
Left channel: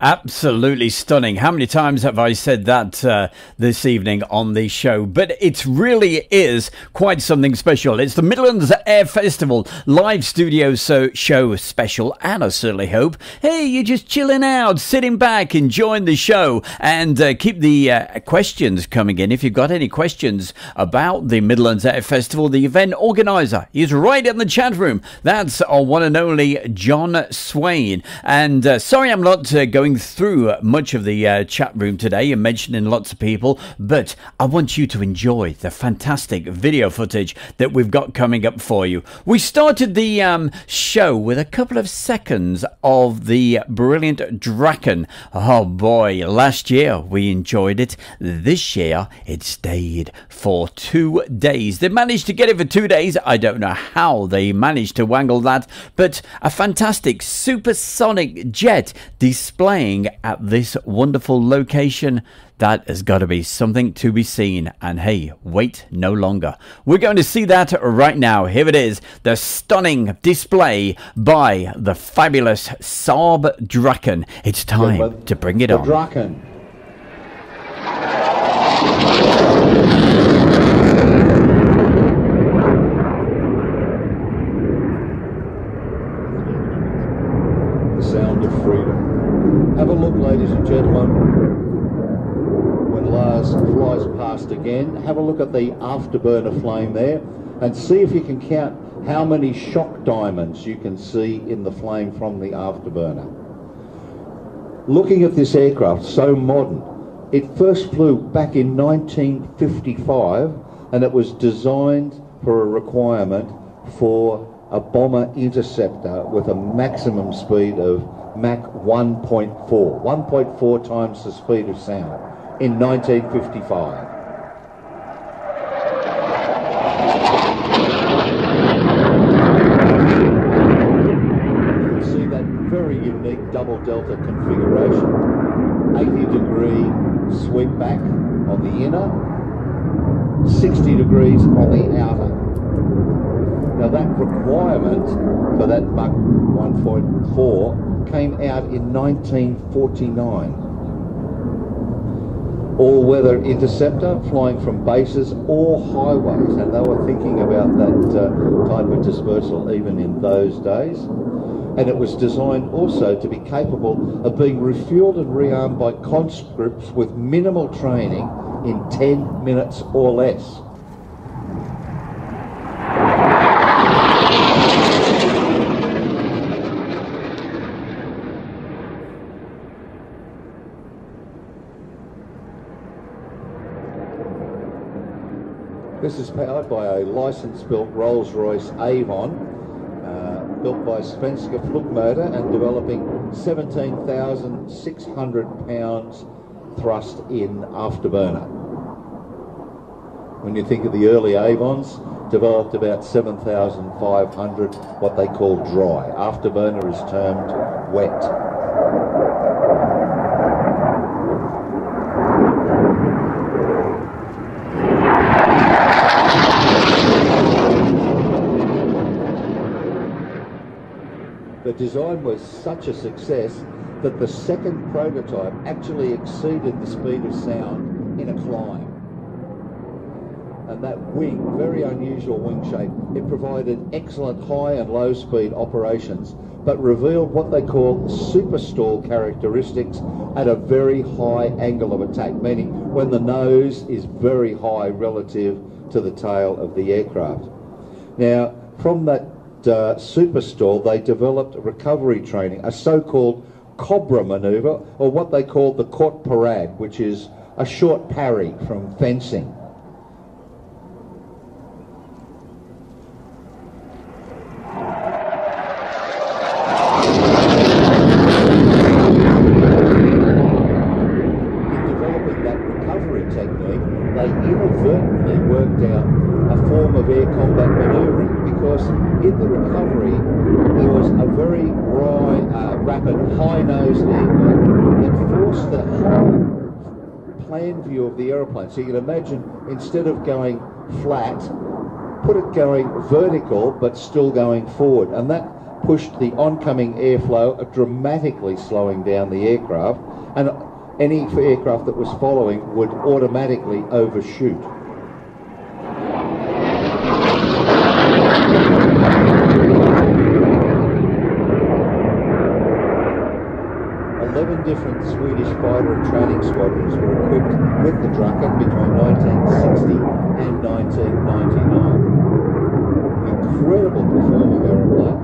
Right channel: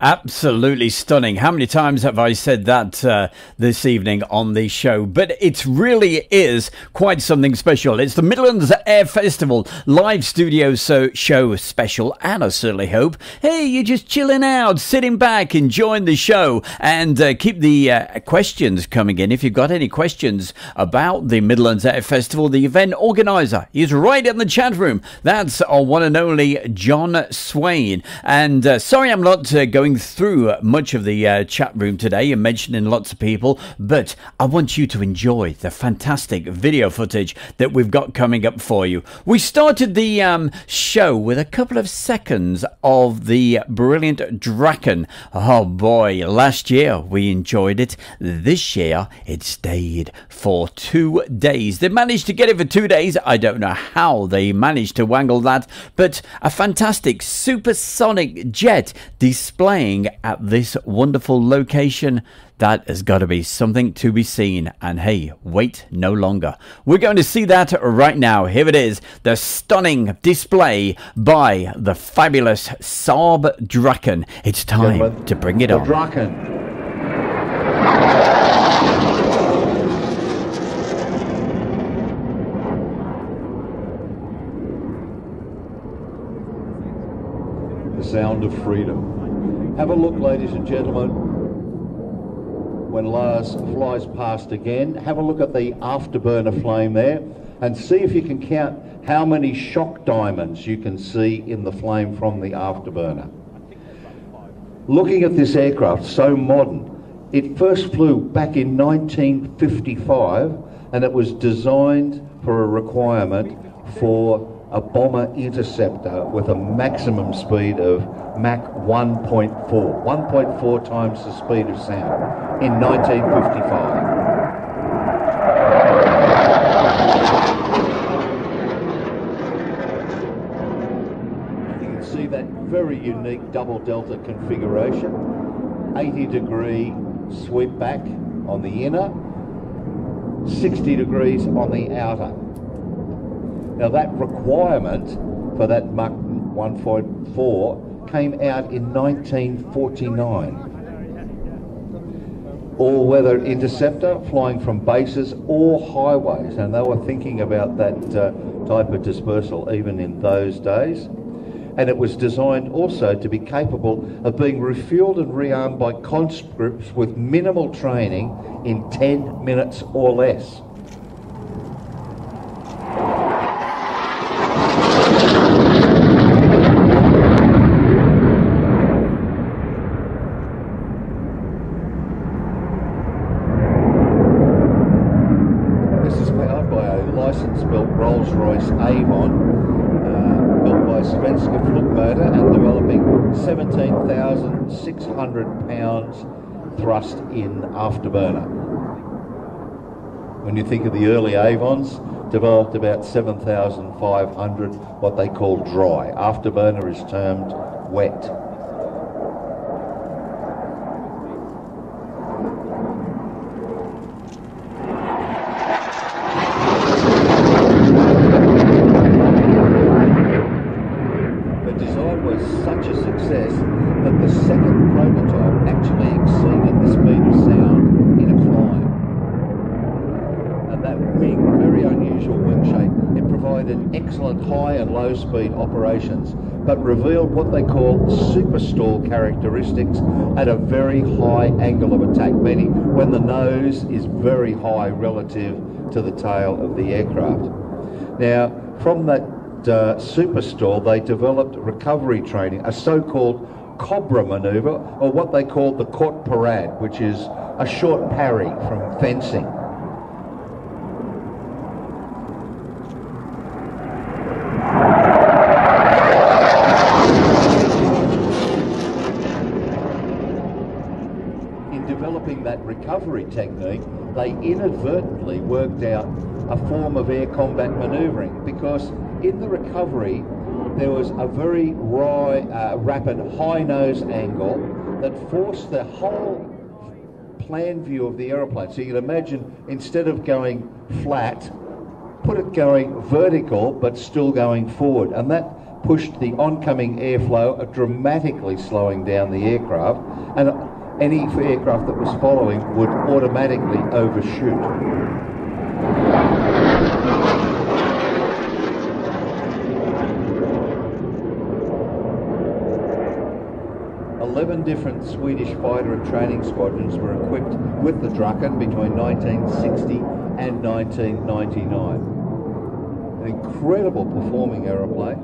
Absolutely stunning. How many times have I said that this evening on the show? But it really is quite something special. It's the Midlands Air Festival live studio show special, and I certainly hope, hey, you're just chilling out, sitting back, enjoying the show, and keep the questions coming in. If you've got any questions about the Midlands Air Festival, the event organizer is right in the chat room. That's our one and only John Swain. And sorry I'm not going through much of the chat room today and mentioning lots of people, but I want you to enjoy the fantastic video footage that we've got coming up for you. We started the show with a couple of seconds of the brilliant Draken. Oh boy, last year we enjoyed it. This year it stayed for 2 days. They managed to get it for 2 days. I don't know how they managed to wangle that, but a fantastic supersonic jet displaying at this wonderful location. That has got to be something to be seen. And hey, wait no longer. We're going to see that right now. Here it is, the stunning display by the fabulous Saab Draken. It's time to bring it on. Draken. Sound of freedom. Have a look, ladies and gentlemen. When Lars flies past again, have a look at the afterburner flame there and see if you can count how many shock diamonds you can see in the flame from the afterburner. Looking at this aircraft, so modern, it first flew back in 1955 and it was designed for a requirement for a bomber interceptor with a maximum speed of Mach 1.4, 1.4 times the speed of sound in 1955. You can see that very unique double delta configuration, 80-degree sweep back on the inner, 60 degrees on the outer. Now that requirement for that Mach 1.4 came out in 1949. All-weather interceptor flying from bases or highways. Now they were thinking about that type of dispersal even in those days. And it was designed also to be capable of being refueled and rearmed by conscripts with minimal training in 10 minutes or less. license-built Rolls-Royce Avon, built by Svenska Flugmotor and developing 17,600 pounds thrust in afterburner. When you think of the early Avons, developed about 7,500 what they call dry. Afterburner is termed wet. The design was such a success that the second prototype actually exceeded the speed of sound in a climb. And that wing, very unusual wing shape, it provided excellent high and low speed operations, but revealed what they call super stall characteristics at a very high angle of attack, meaning when the nose is very high relative to the tail of the aircraft. Now, from that super stall, they developed recovery training, a so-called cobra manoeuvre, or what they call the court parade, which is a short parry from fencing. In developing that recovery technique, they inadvertently worked out a form of air combat manoeuvring, because in the recovery there was a very rapid high-nosed angle that forced the whole plan view of the aeroplane. So you can imagine, instead of going flat, put it going vertical but still going forward, and that pushed the oncoming airflow, dramatically slowing down the aircraft, and any aircraft that was following would automatically overshoot. 11 different Swedish fighter and training squadrons were equipped with the Draken between 1960 and 1999. An incredible performing aeroplane,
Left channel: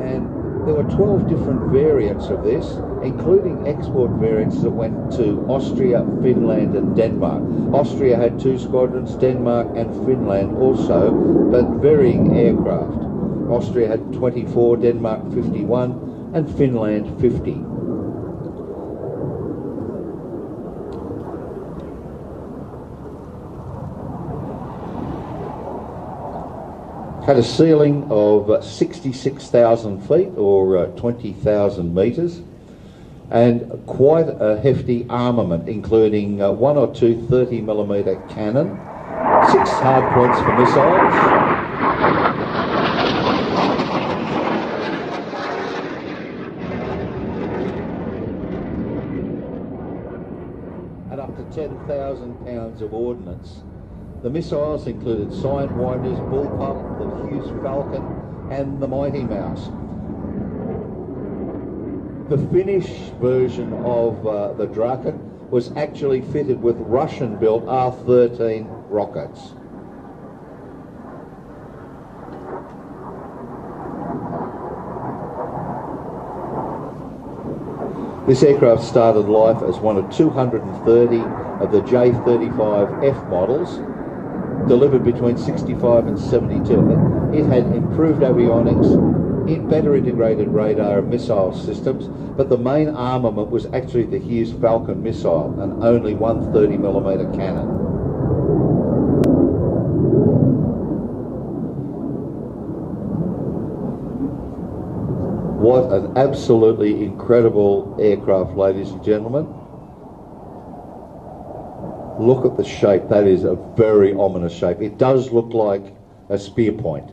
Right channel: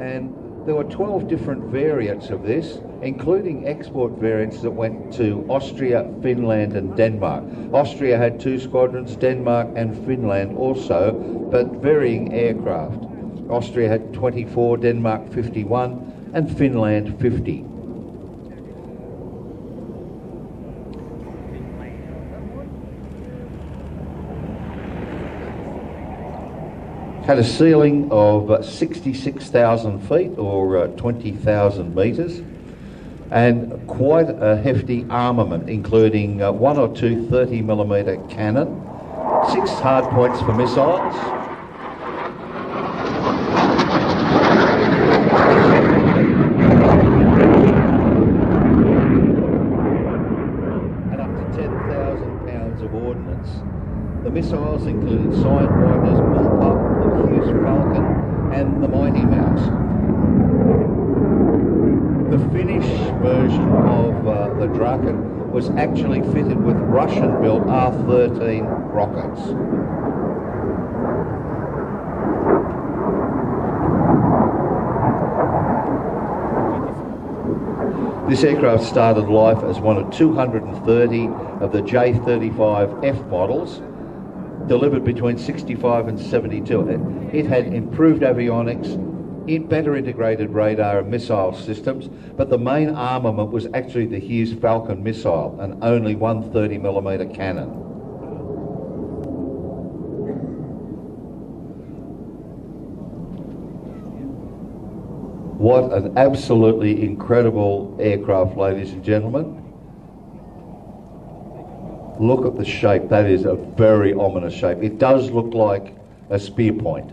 and there were 12 different variants of this, including export variants that went to Austria, Finland and Denmark. Austria had 2 squadrons, Denmark and Finland also, but varying aircraft. Austria had 24, Denmark 51 and Finland 50. Had a ceiling of 66,000 feet or 20,000 metres, and quite a hefty armament, including 1 or 2 30mm cannon, 6 hard points for missiles, and up to 10,000 pounds of ordnance. The missiles included Sidewinders, Bullpup, the Hughes Falcon and the Mighty Mouse. The Finnish version of the Draken was actually fitted with Russian-built R-13 rockets. This aircraft started life as one of 230 of the J-35F models, delivered between 65 and 72. It had improved avionics, better integrated radar and missile systems, but the main armament was actually the Hughes Falcon missile and only 1 30mm cannon. What an absolutely incredible aircraft, ladies and gentlemen. Look at the shape. That is a very ominous shape. It does look like a spear point.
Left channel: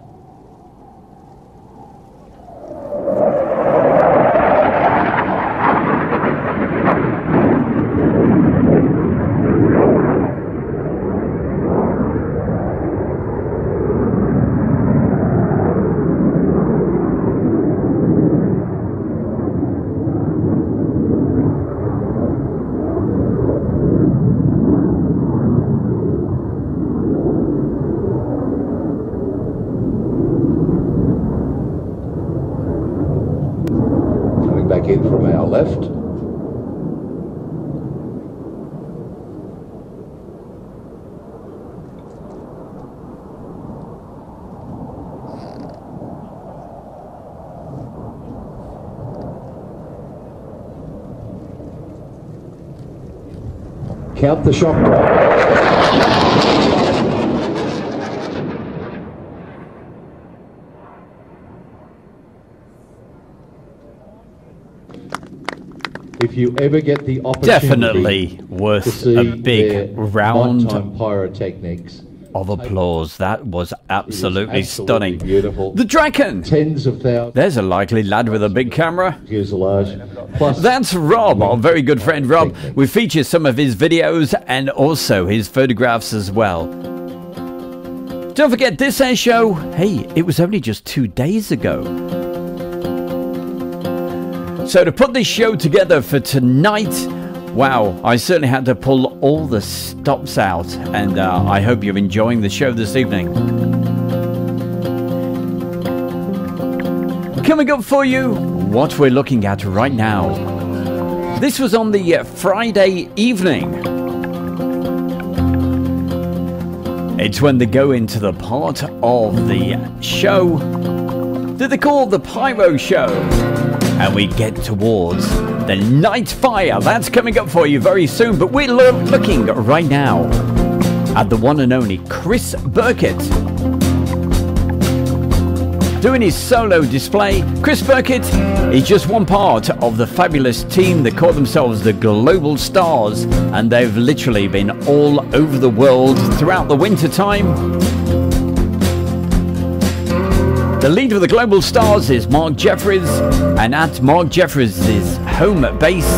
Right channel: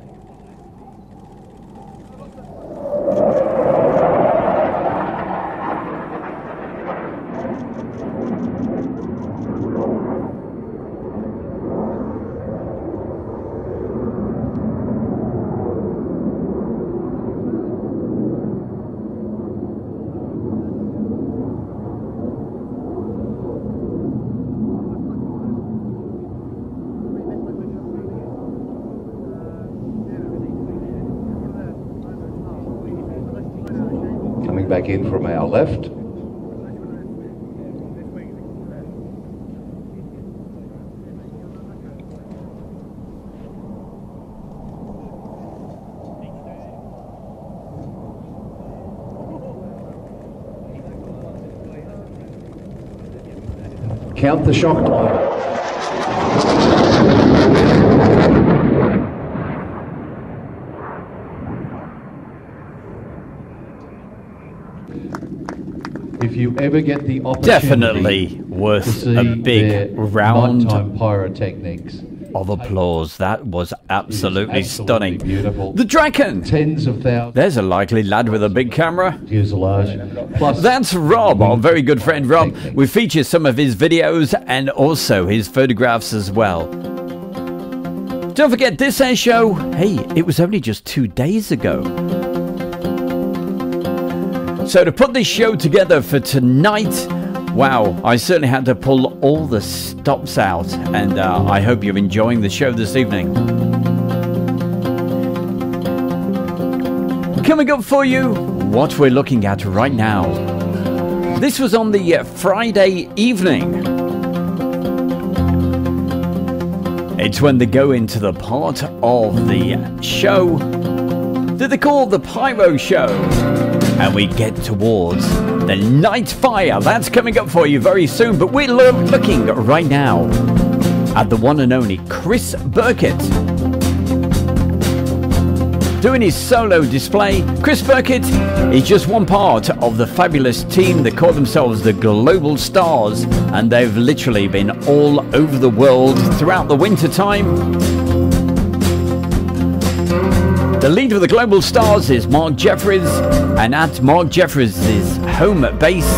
Back in from our left. Count the shot. If you ever get the opportunity, definitely worth a big round pyrotechnics of applause. That was absolutely stunning. Beautiful. The Draken. Tens of thousands. There's a likely lad with a big camera. Fuselage. Plus, that's Rob, our very good friend Rob. We feature some of his videos and also his photographs as well. Don't forget this air show. Hey, it was only just 2 days ago. So to put this show together for tonight, wow, I certainly had to pull all the stops out, and I hope you're enjoying the show this evening. Coming up for you, what we're looking at right now. This was on the Friday evening. It's when they go into the part of the show that they call the Pyro Show. And we get towards the night fire. That's coming up for you very soon. But we're looking right now at the one and only Chris Burkett doing his solo display. Chris Burkett is just one part of the fabulous team that call themselves the Global Stars, and they've literally been all over the world throughout the winter time. The leader of the Global Stars is Mark Jeffries, and at Mark Jeffries' home base,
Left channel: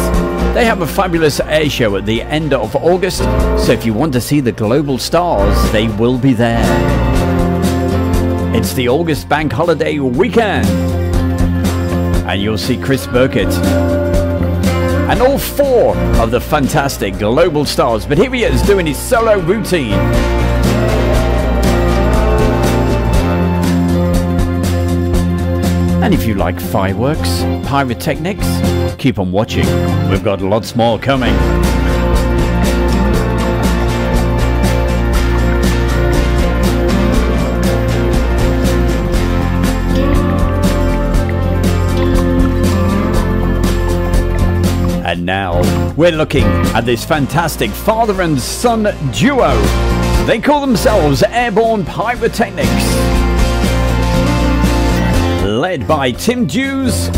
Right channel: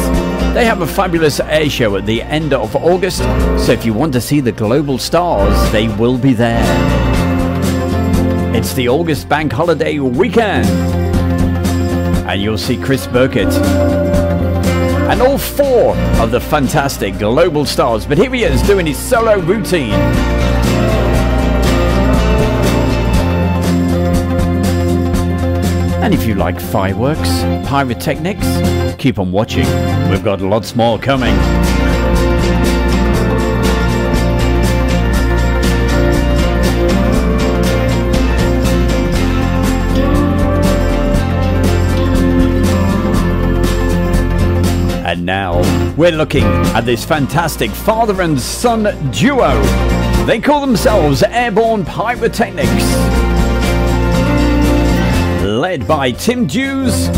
they have a fabulous air show at the end of August, so if you want to see the Global Stars, they will be there. It's the August bank holiday weekend, and you'll see Chris Burkett and all 4 of the fantastic Global Stars, but here he is doing his solo routine. And if you like fireworks, pyrotechnics, keep on watching. We've got lots more coming. And now we're looking at this fantastic father and son duo. They call themselves Airborne Pyrotechnics, led by Tim Dews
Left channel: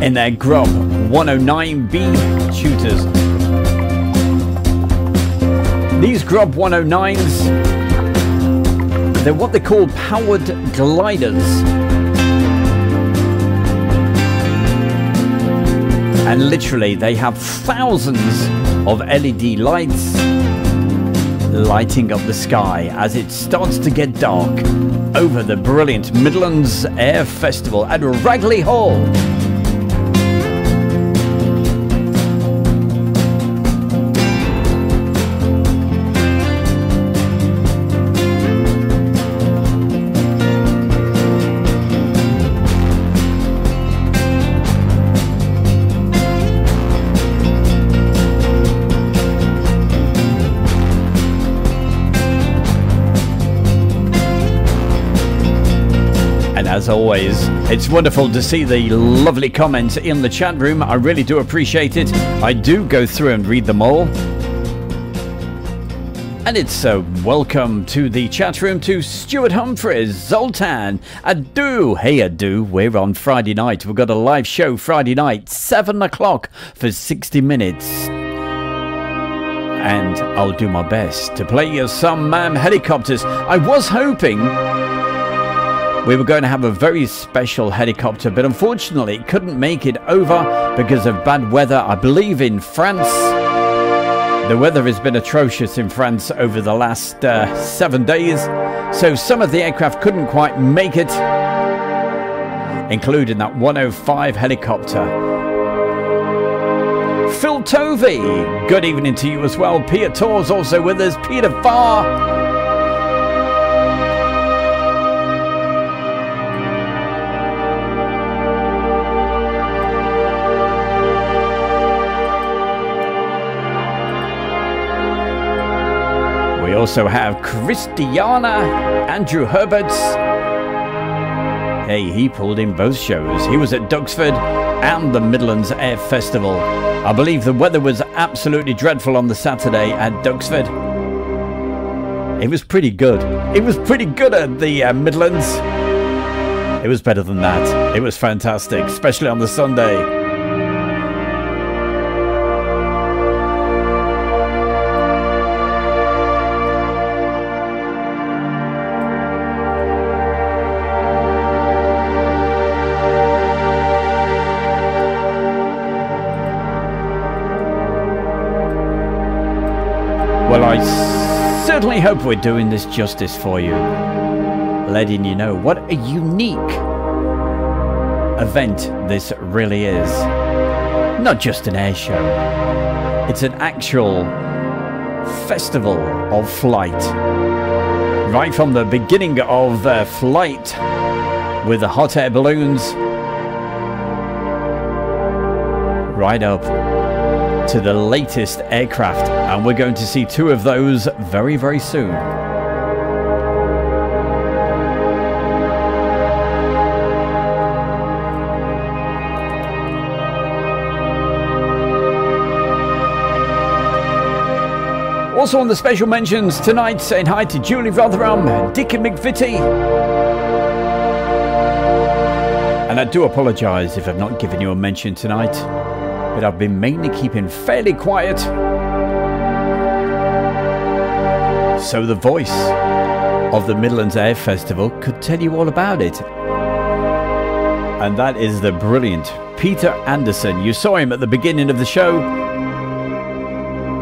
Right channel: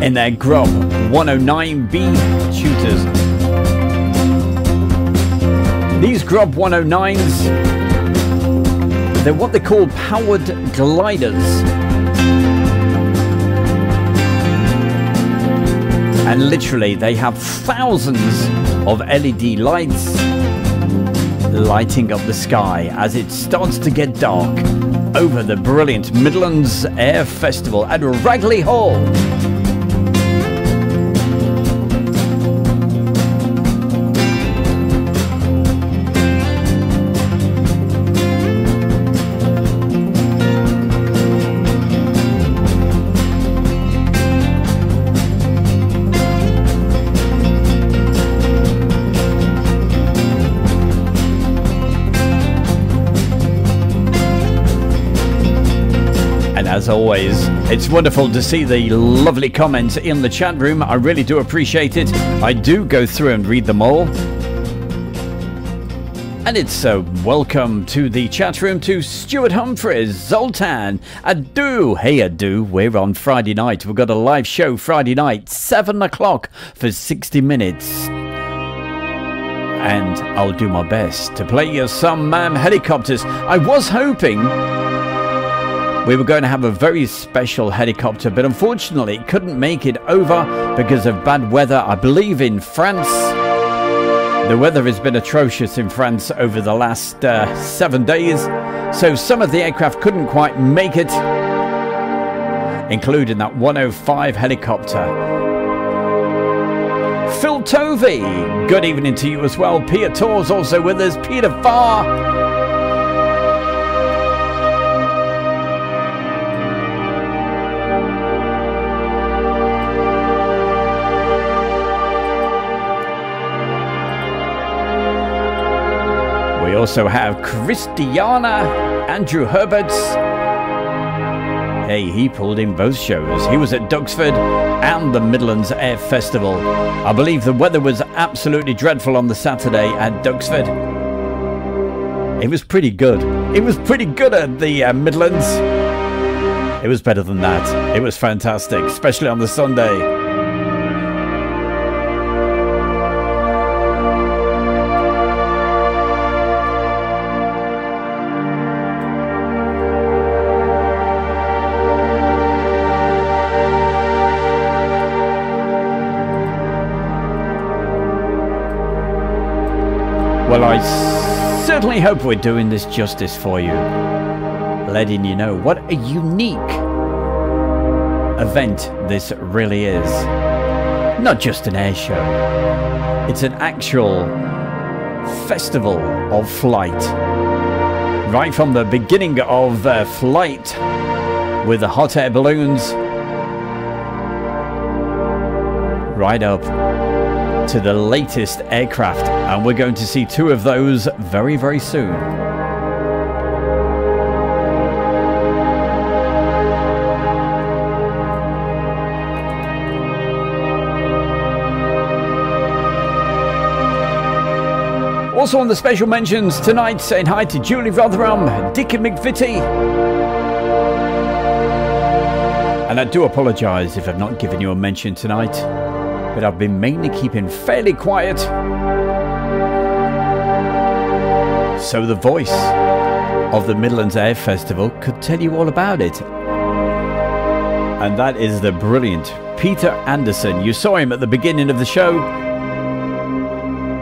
in their Grub 109B shooters. These Grub 109s, they're what they call powered gliders. And literally they have thousands of LED lights lighting up the sky as it starts to get dark over the brilliant Midlands Air Festival at Ragley Hall. As always, it's wonderful to see the lovely comments in the chat room. I really do appreciate it. I do go through and read them all. And it's welcome to the chat room to Stuart Humphreys, Zoltan, Adu. Hey Adu, we're on Friday night. We've got a live show Friday night, 7 o'clock for 60 minutes. And I'll do my best to play you some helicopters. I was hoping we were going to have a very special helicopter, but unfortunately it couldn't make it over because of bad weather, I believe, in France. The weather has been atrocious in France over the last 7 days, so some of the aircraft couldn't quite make it, including that 105 helicopter. Phil Tovey, good evening to you as well. Peter Tor's also with us. Peter Farr. We also have Christiana, Andrew Herberts. Hey, he pulled in both shows. He was at Duxford and the Midlands Air Festival. I believe the weather was absolutely dreadful on the Saturday at Duxford. It was pretty good. It was pretty good at the Midlands. It was better than that. It was fantastic, especially on the Sunday. Well, I certainly hope we're doing this justice for you, letting you know what a unique event this really is. Not just an air show, it's an actual festival of flight. Right from the beginning of flight with the hot air balloons, right up to the latest aircraft, and we're going to see two of those very, very soon. Also on the special mentions tonight, saying hi to Julie Rotherham, Dickie McVitie. And I do apologise if I've not given you a mention tonight, but I've been mainly keeping fairly quiet, so the voice of the Midlands Air Festival could tell you all about it. And that is the brilliant Peter Anderson. You saw him at the beginning of the show.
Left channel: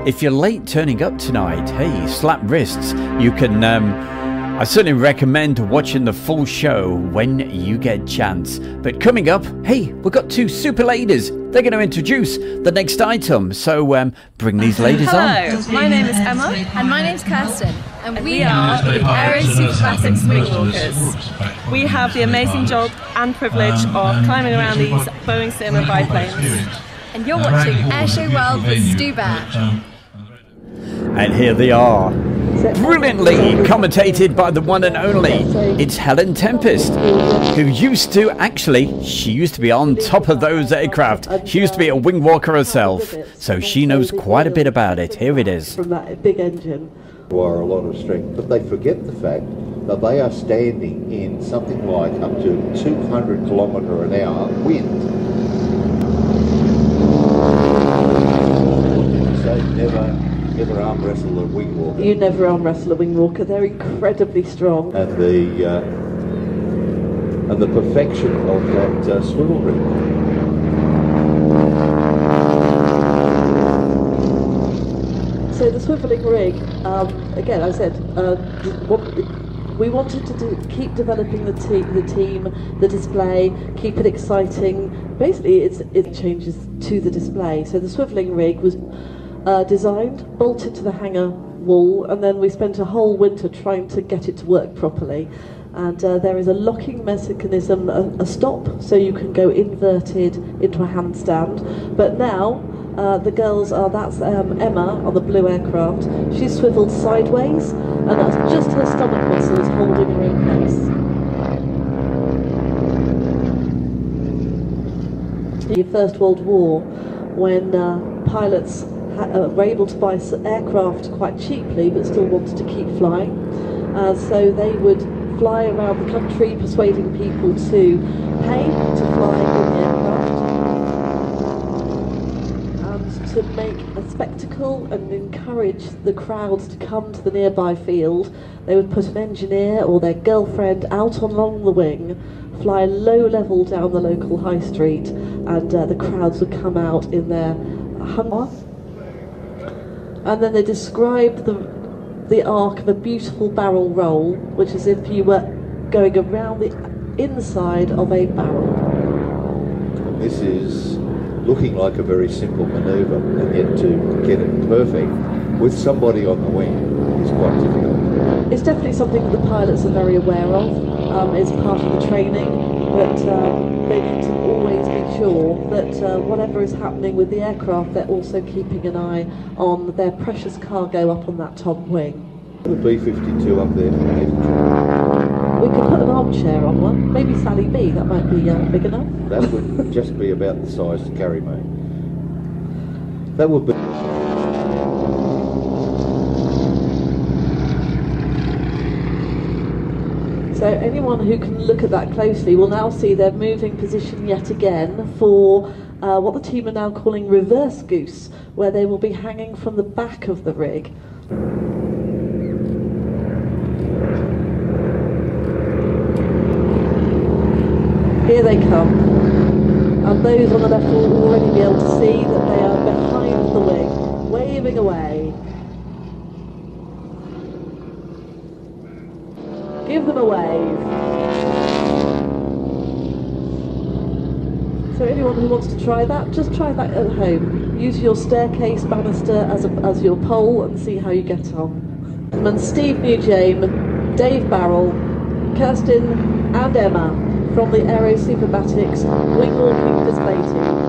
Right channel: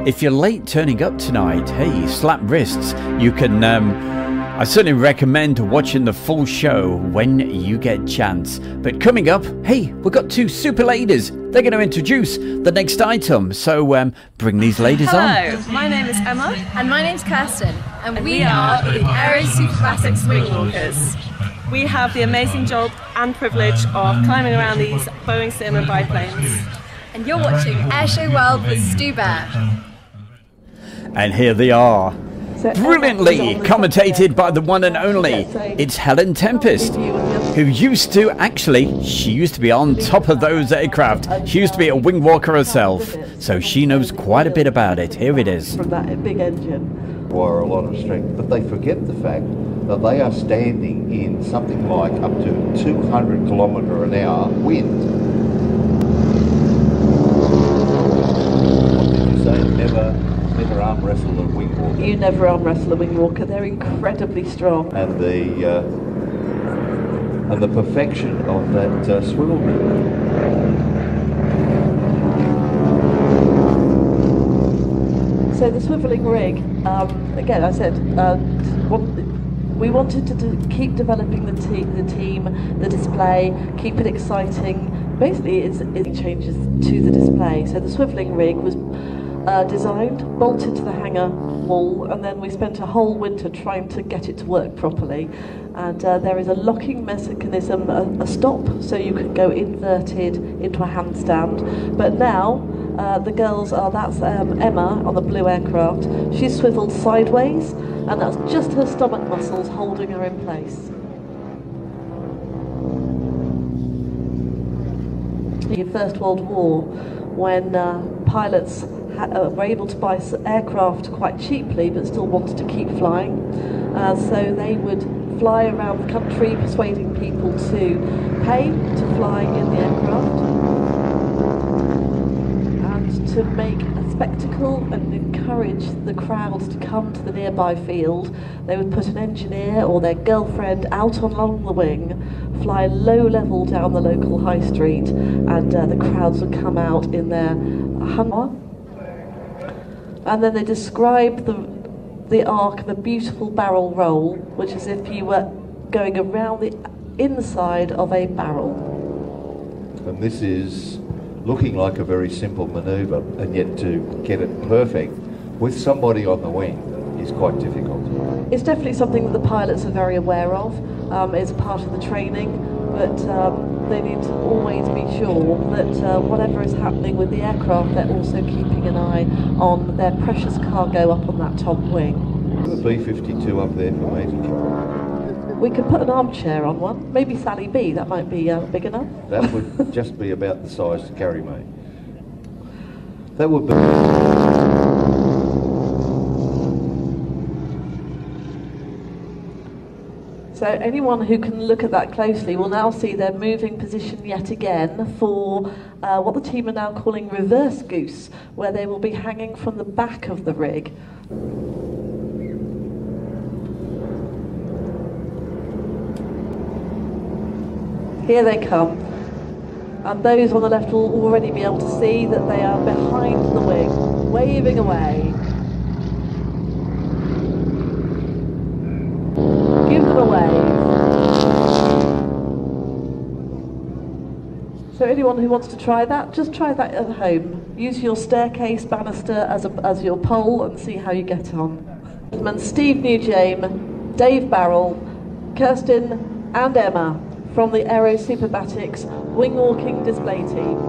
If you're late turning up tonight, hey, slap wrists. You can, I certainly recommend watching the full show when you get a chance. But coming up, hey, we've got two super ladies. They're going to introduce the next item. So bring these ladies on. Hello, my name is Emma. And my name's Kirsten. And we are the Aero Super Classics Wingwalkers. We have the amazing job and privilege of climbing around these Boeing Cinema biplanes. And you're watching Airshow World with Stu Bear. And here they are, brilliantly commentated by the one and only, it's Helen Tempest, who used to, she used to be on top of those aircraft. She used to be a wing walker herself, so she knows quite a bit about it. Here it is. From that big engine. Require a lot of strength, but they forget the fact that they are standing in something like up to 200 kilometre an hour wind. What did you say? Never arm wrestle a wing walker. You never arm wrestle a wing walker. They're incredibly strong. And the perfection of that swivel rig. So the swiveling rig, again, I said, we wanted to keep developing the team, the display, keep it exciting. Basically, it changes to the display. So the swiveling rig was designed, bolted to the hangar wall, and then we spent a whole winter trying to get it to work properly. And there is a locking mechanism, a stop, so you can go inverted into a handstand. But now the girls are, that's Emma on the blue aircraft. She's swiveled sideways, and that's just her stomach muscles holding her in place. The First World War, when pilots were able to buy aircraft quite cheaply but still wanted to keep flying, so they would fly around the country persuading people to pay to fly in the aircraft and to make a spectacle and encourage the crowds to come to the nearby field. They would put an engineer or their girlfriend out along the wing, fly low level down the local high street, and the crowds would come out in their Hummer. And then they describe the arc of a beautiful barrel roll, which is if you were going around the inside of a barrel. And this is looking like a very simple manoeuvre, and yet to get it perfect with somebody on the wing is quite difficult. It's definitely something that the pilots are very aware of. It's part of the training, but they need to always be sure that whatever is happening with the aircraft, they're also keeping an eye on their precious cargo up on that top wing. The B-52 up there for me. We could put an armchair on one, maybe Sally B, that might be big enough. That would just be about the size to carry me. That would be... So anyone who can look at that closely will now see their moving position yet again for what the team are now calling reverse goose, where they will be hanging from the back of the rig. Here they come. And those on the left will already be able to see that they are behind the wing, waving away. Give them a wave. So anyone who wants to try that, just try that at home. Use your staircase banister as your pole and see how you get on. And Steve Newjame, Dave Barrell, Kirsten and Emma from the Aero Superbatics wing walking display team.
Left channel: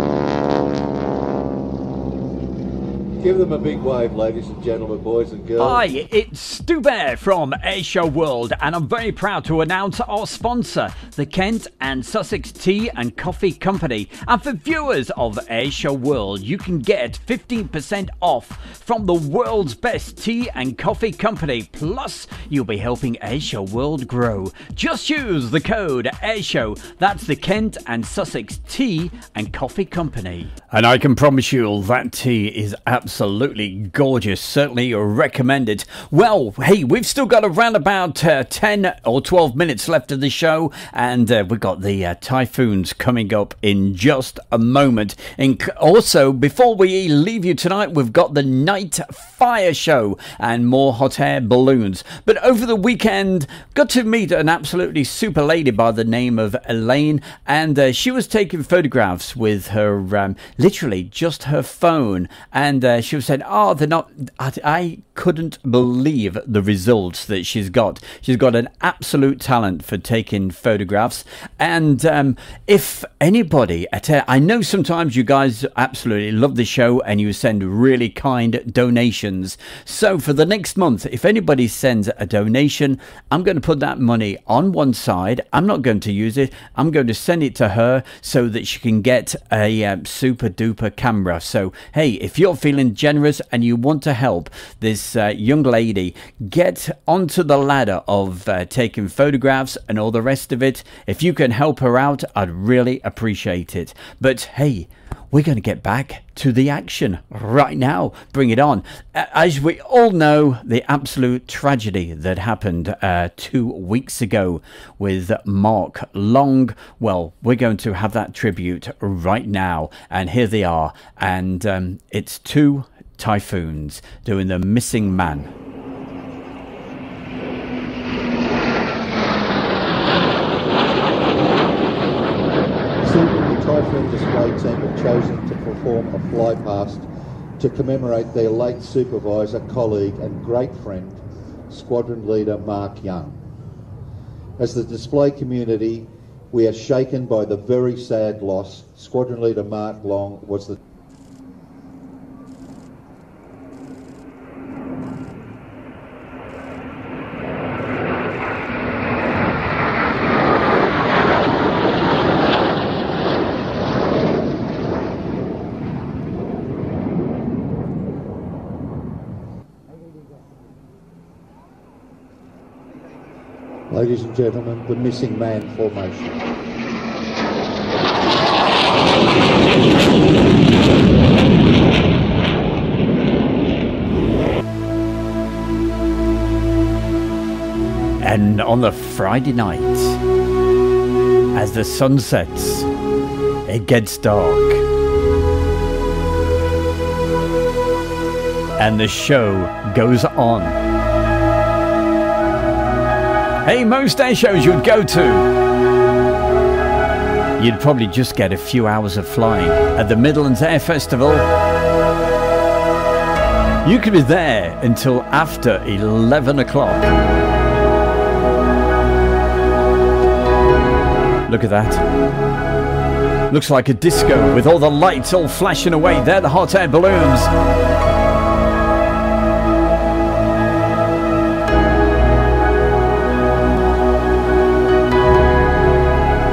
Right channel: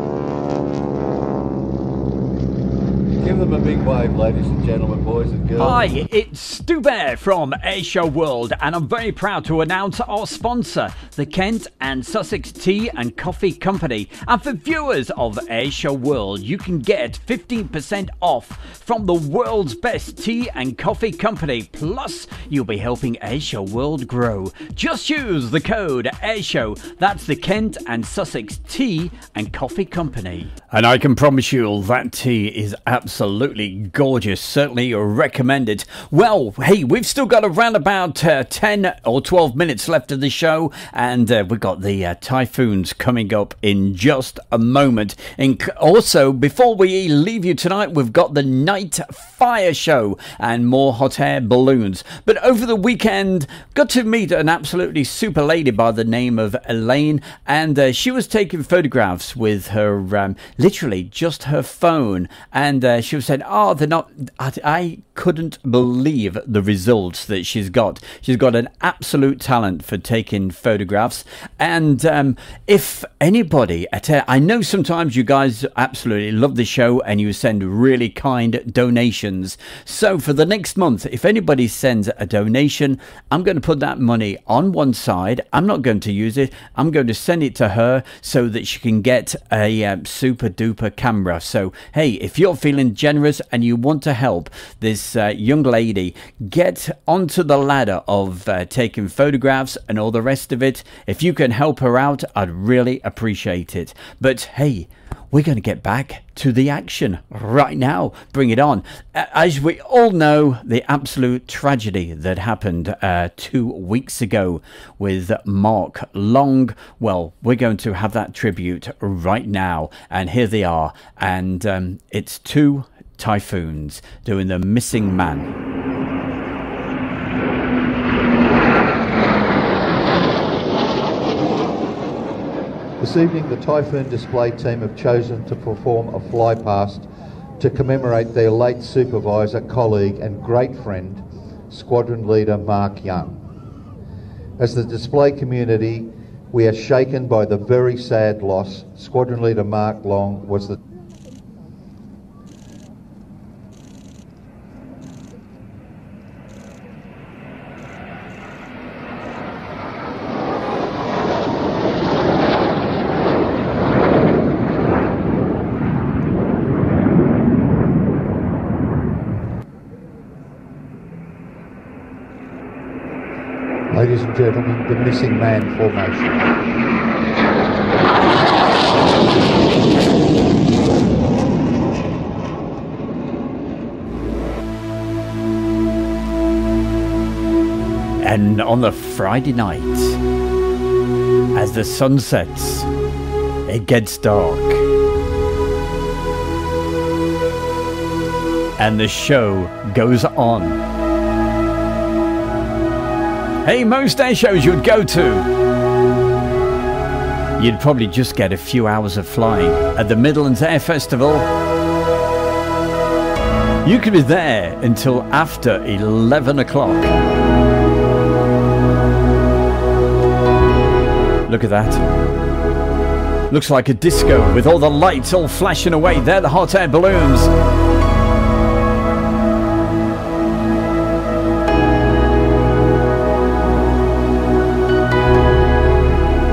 Give them a big wave, ladies and gentlemen, boys and girls. Hi, it's Stu Bear from Airshow World, and I'm very proud to announce our sponsor, the Kent and Sussex Tea and Coffee Company. And for viewers of Airshow World, you can get 15% off from the world's best tea and coffee company. Plus, you'll be helping Airshow World grow. Just use the code Airshow. That's the Kent and Sussex Tea and Coffee Company. And I can promise you that tea is absolutely gorgeous. Certainly recommend it. Well, hey, we've still got around about 10 or 12 minutes left of the show, and we've got the typhoons coming up in just a moment. And also, before we leave you tonight, we've got the night fire show and more hot air balloons. But over the weekend, got to meet an absolutely super lady by the name of Elaine, and she was taking photographs with her literally just her phone, and she was saying, oh, they're not, I couldn't believe the results that she's got. She's got an absolute talent for taking photographs, and if anybody I know sometimes you guys absolutely love the show and you send really kind donations. So for the next month, if anybody sends a donation, I'm going to put that money on one side. I'm not going to use it. I'm going to send it to her so that she can get a super duper camera. So hey, if you're feeling generous and you want to help this young lady get onto the ladder of taking photographs and all the rest of it, if you can help her out, I'd really appreciate it. But hey, we're going to get back to the action right now. Bring it on. As we all know, the absolute tragedy that happened 2 weeks ago with Mark Long. Well, we're going to have that tribute right now. And here they are. And it's two typhoons doing the missing man. This evening, the Typhoon display team have chosen to perform a fly past to commemorate their late supervisor, colleague and great friend, Squadron Leader Mark Young. As the display community, we are shaken by the very sad loss. Squadron Leader Mark Long was the Ladies and gentlemen, the missing man formation. And on the Friday night, as the sun sets, it gets dark. And the show goes on. Hey, most air shows you'd go to, you'd probably just get a few hours of flying. At the Midlands Air Festival, you could be there until after 11 o'clock. Look at that. Looks like a disco with all the lights all flashing away. They're the hot air balloons.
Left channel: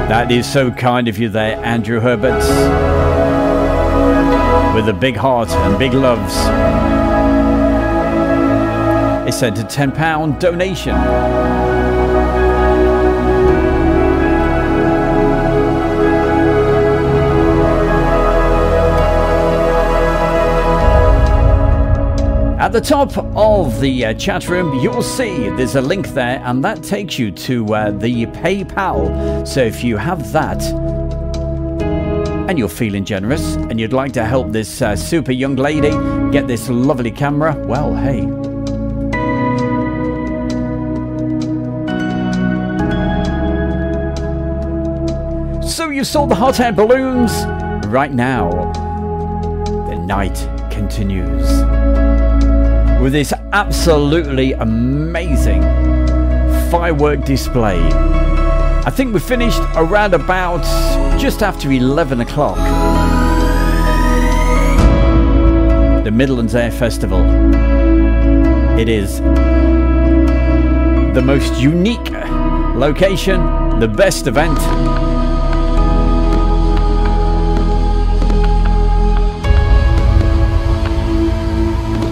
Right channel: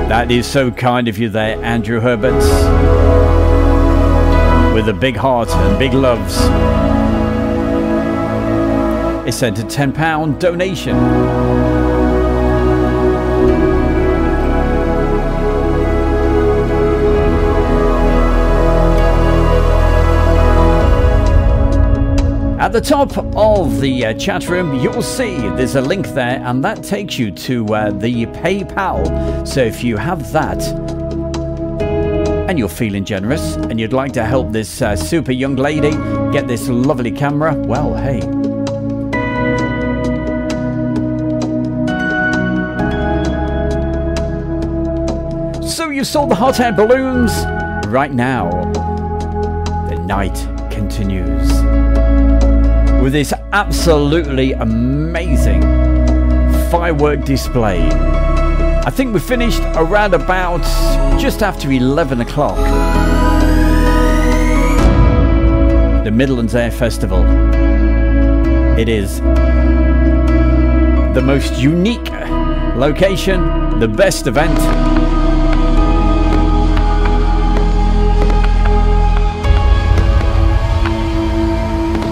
That is so kind of you there, Andrew Herbert. with a big heart and big loves. It sent a £10 donation. At the top of the chat room, you'll see there's a link there, and that takes you to the PayPal. So if you have that and you're feeling generous and you'd like to help this super young lady get this lovely camera, well, hey. So you saw the hot air balloons. Right now, the night continues with this absolutely amazing firework display. I think we finished around about just after 11 o'clock. The Midlands Air Festival. It is the most unique location, the best event.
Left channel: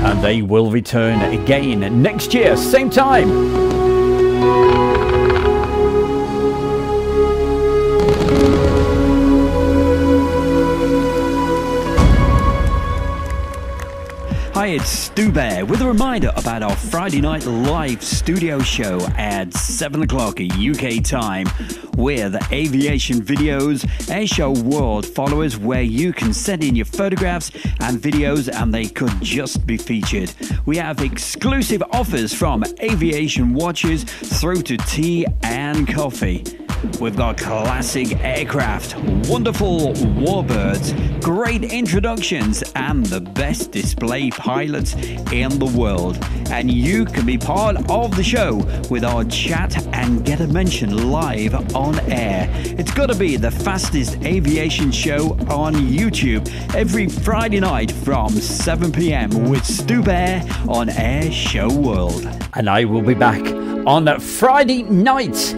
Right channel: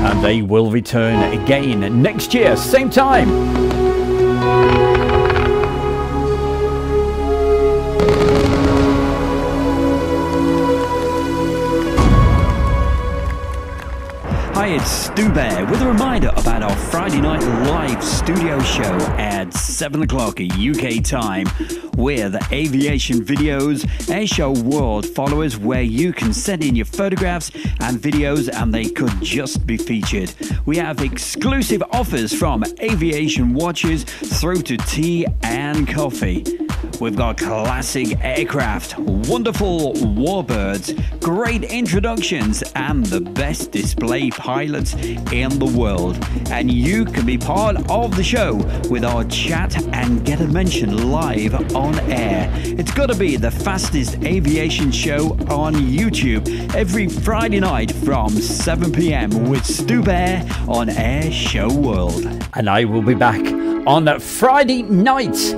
And they will return again next year, same time. Hi, it's Stu Bear with a reminder about our Friday night live studio show at 7 o'clock UK time with aviation videos, Airshow World followers, where you can send in your photographs and videos and they could just be featured. We have exclusive offers from aviation watches through to tea and coffee. We've got classic aircraft, wonderful warbirds, great introductions, and the best display pilots in the world. And you can be part of the show with our chat and get a mention live on air. It's got to be the fastest aviation show on YouTube every Friday night from 7 p.m. with Stu Bear on Air Show World. And I will be back on Friday night.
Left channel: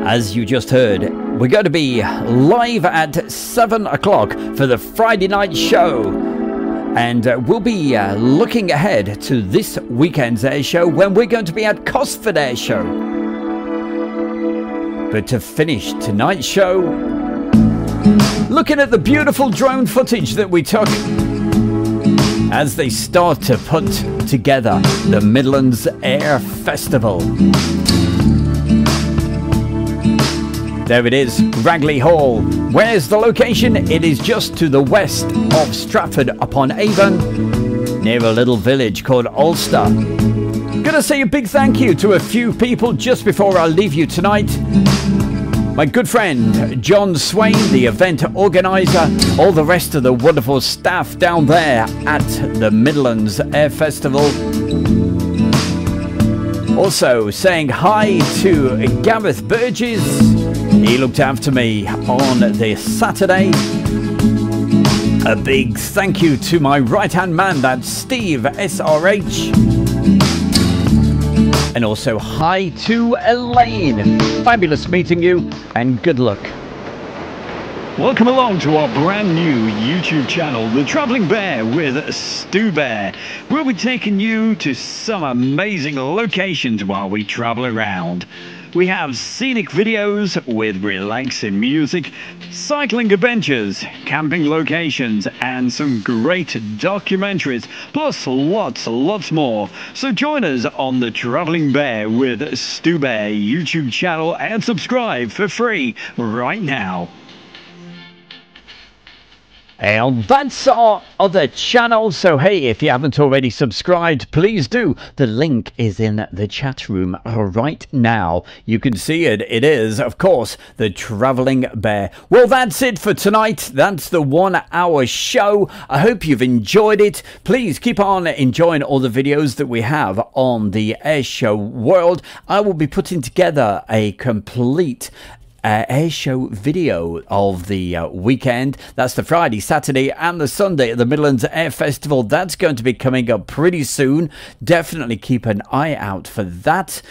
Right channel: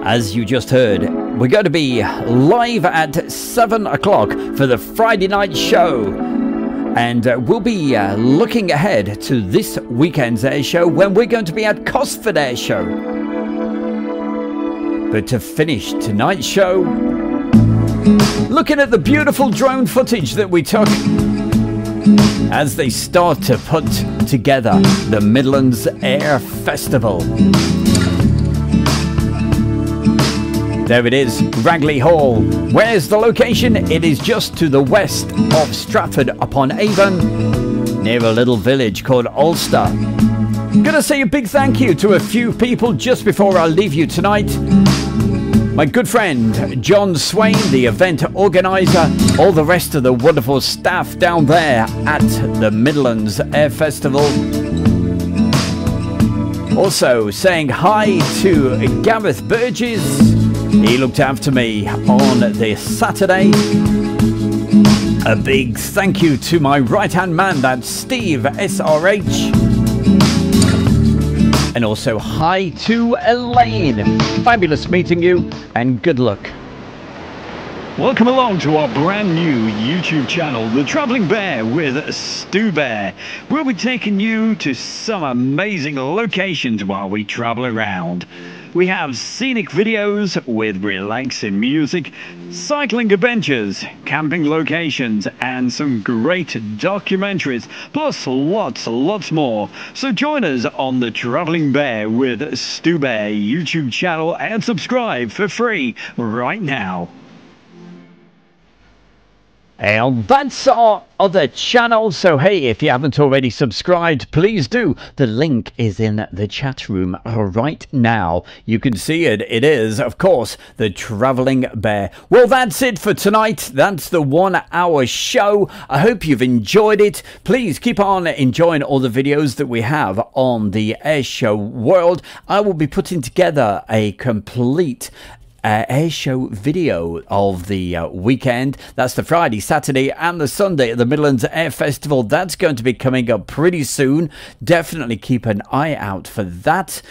As you just heard, we're going to be live at 7 o'clock for the Friday night show. And we'll be looking ahead to this weekend's air show when we're going to be at Cosford Air Show. But to finish tonight's show, looking at the beautiful drone footage that we took as they start to put together the Midlands Air Festival. There it is, Ragley Hall. Where's the location? It is just to the west of Stratford-upon-Avon, near a little village called Ulster. Gonna say a big thank you to a few people just before I leave you tonight. My good friend John Swain, the event organizer, all the rest of the wonderful staff down there at the Midlands Air Festival. Also saying hi to Gareth Burgess. He looked after me on this Saturday. A big thank you to my right-hand man, that's Steve SRH. And also hi to Elaine. Fabulous meeting you and good luck. Welcome along to our brand new YouTube channel, The Travelling Bear with Stu Bear. We'll be taking you to some amazing locations while we travel around. We have scenic videos with relaxing music, cycling adventures, camping locations, and some great documentaries, plus lots more. So join us on the Travelling Bear with Stu Bear YouTube channel and subscribe for free right now. And that's our other channel, so hey, if you haven't already subscribed, please do. The link is in the chat room right now. You can see it. It is, of course, the Travelling Bear. Well, that's it for tonight. That's the 1 hour show. I hope you've enjoyed it. Please keep on enjoying all the videos that we have on the Air Show World. I will be putting together a complete air show video of the weekend. That's the Friday, Saturday and the Sunday at the Midlands Air Festival. That's going to be coming up pretty soon. Definitely keep an eye out for that,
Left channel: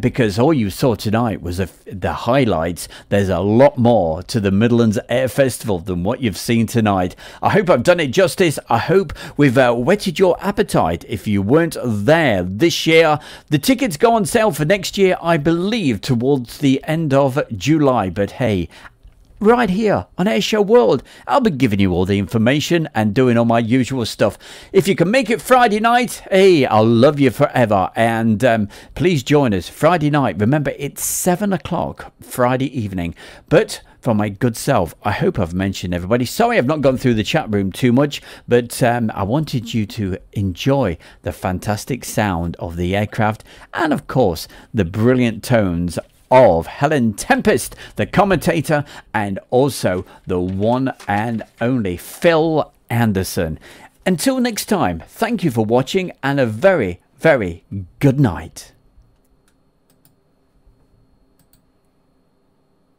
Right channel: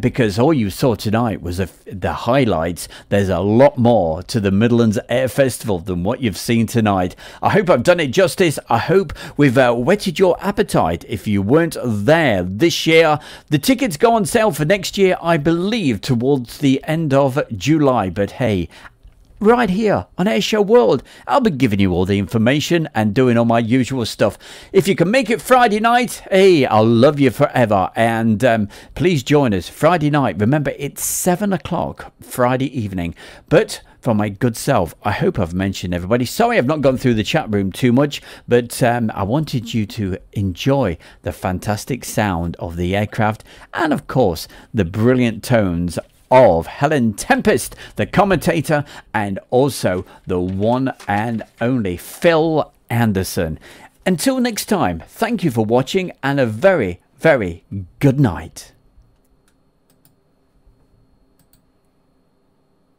because all you saw tonight was the highlights. There's a lot more to the Midlands Air Festival than what you've seen tonight. I hope I've done it justice. I hope we've whetted your appetite if you weren't there this year. The tickets go on sale for next year, I believe, towards the end of July. But hey, right here on Airshow World, I'll be giving you all the information and doing all my usual stuff. If you can make it Friday night, hey, I'll love you forever. And please join us Friday night. Remember, it's 7 o'clock Friday evening. But for my good self, I hope I've mentioned everybody. Sorry I've not gone through the chat room too much, but I wanted you to enjoy the fantastic sound of the aircraft and, of course, the brilliant tones of Helen Tempest, the commentator, and also the one and only Phil Anderson. Until next time, thank you for watching and a very, very good night.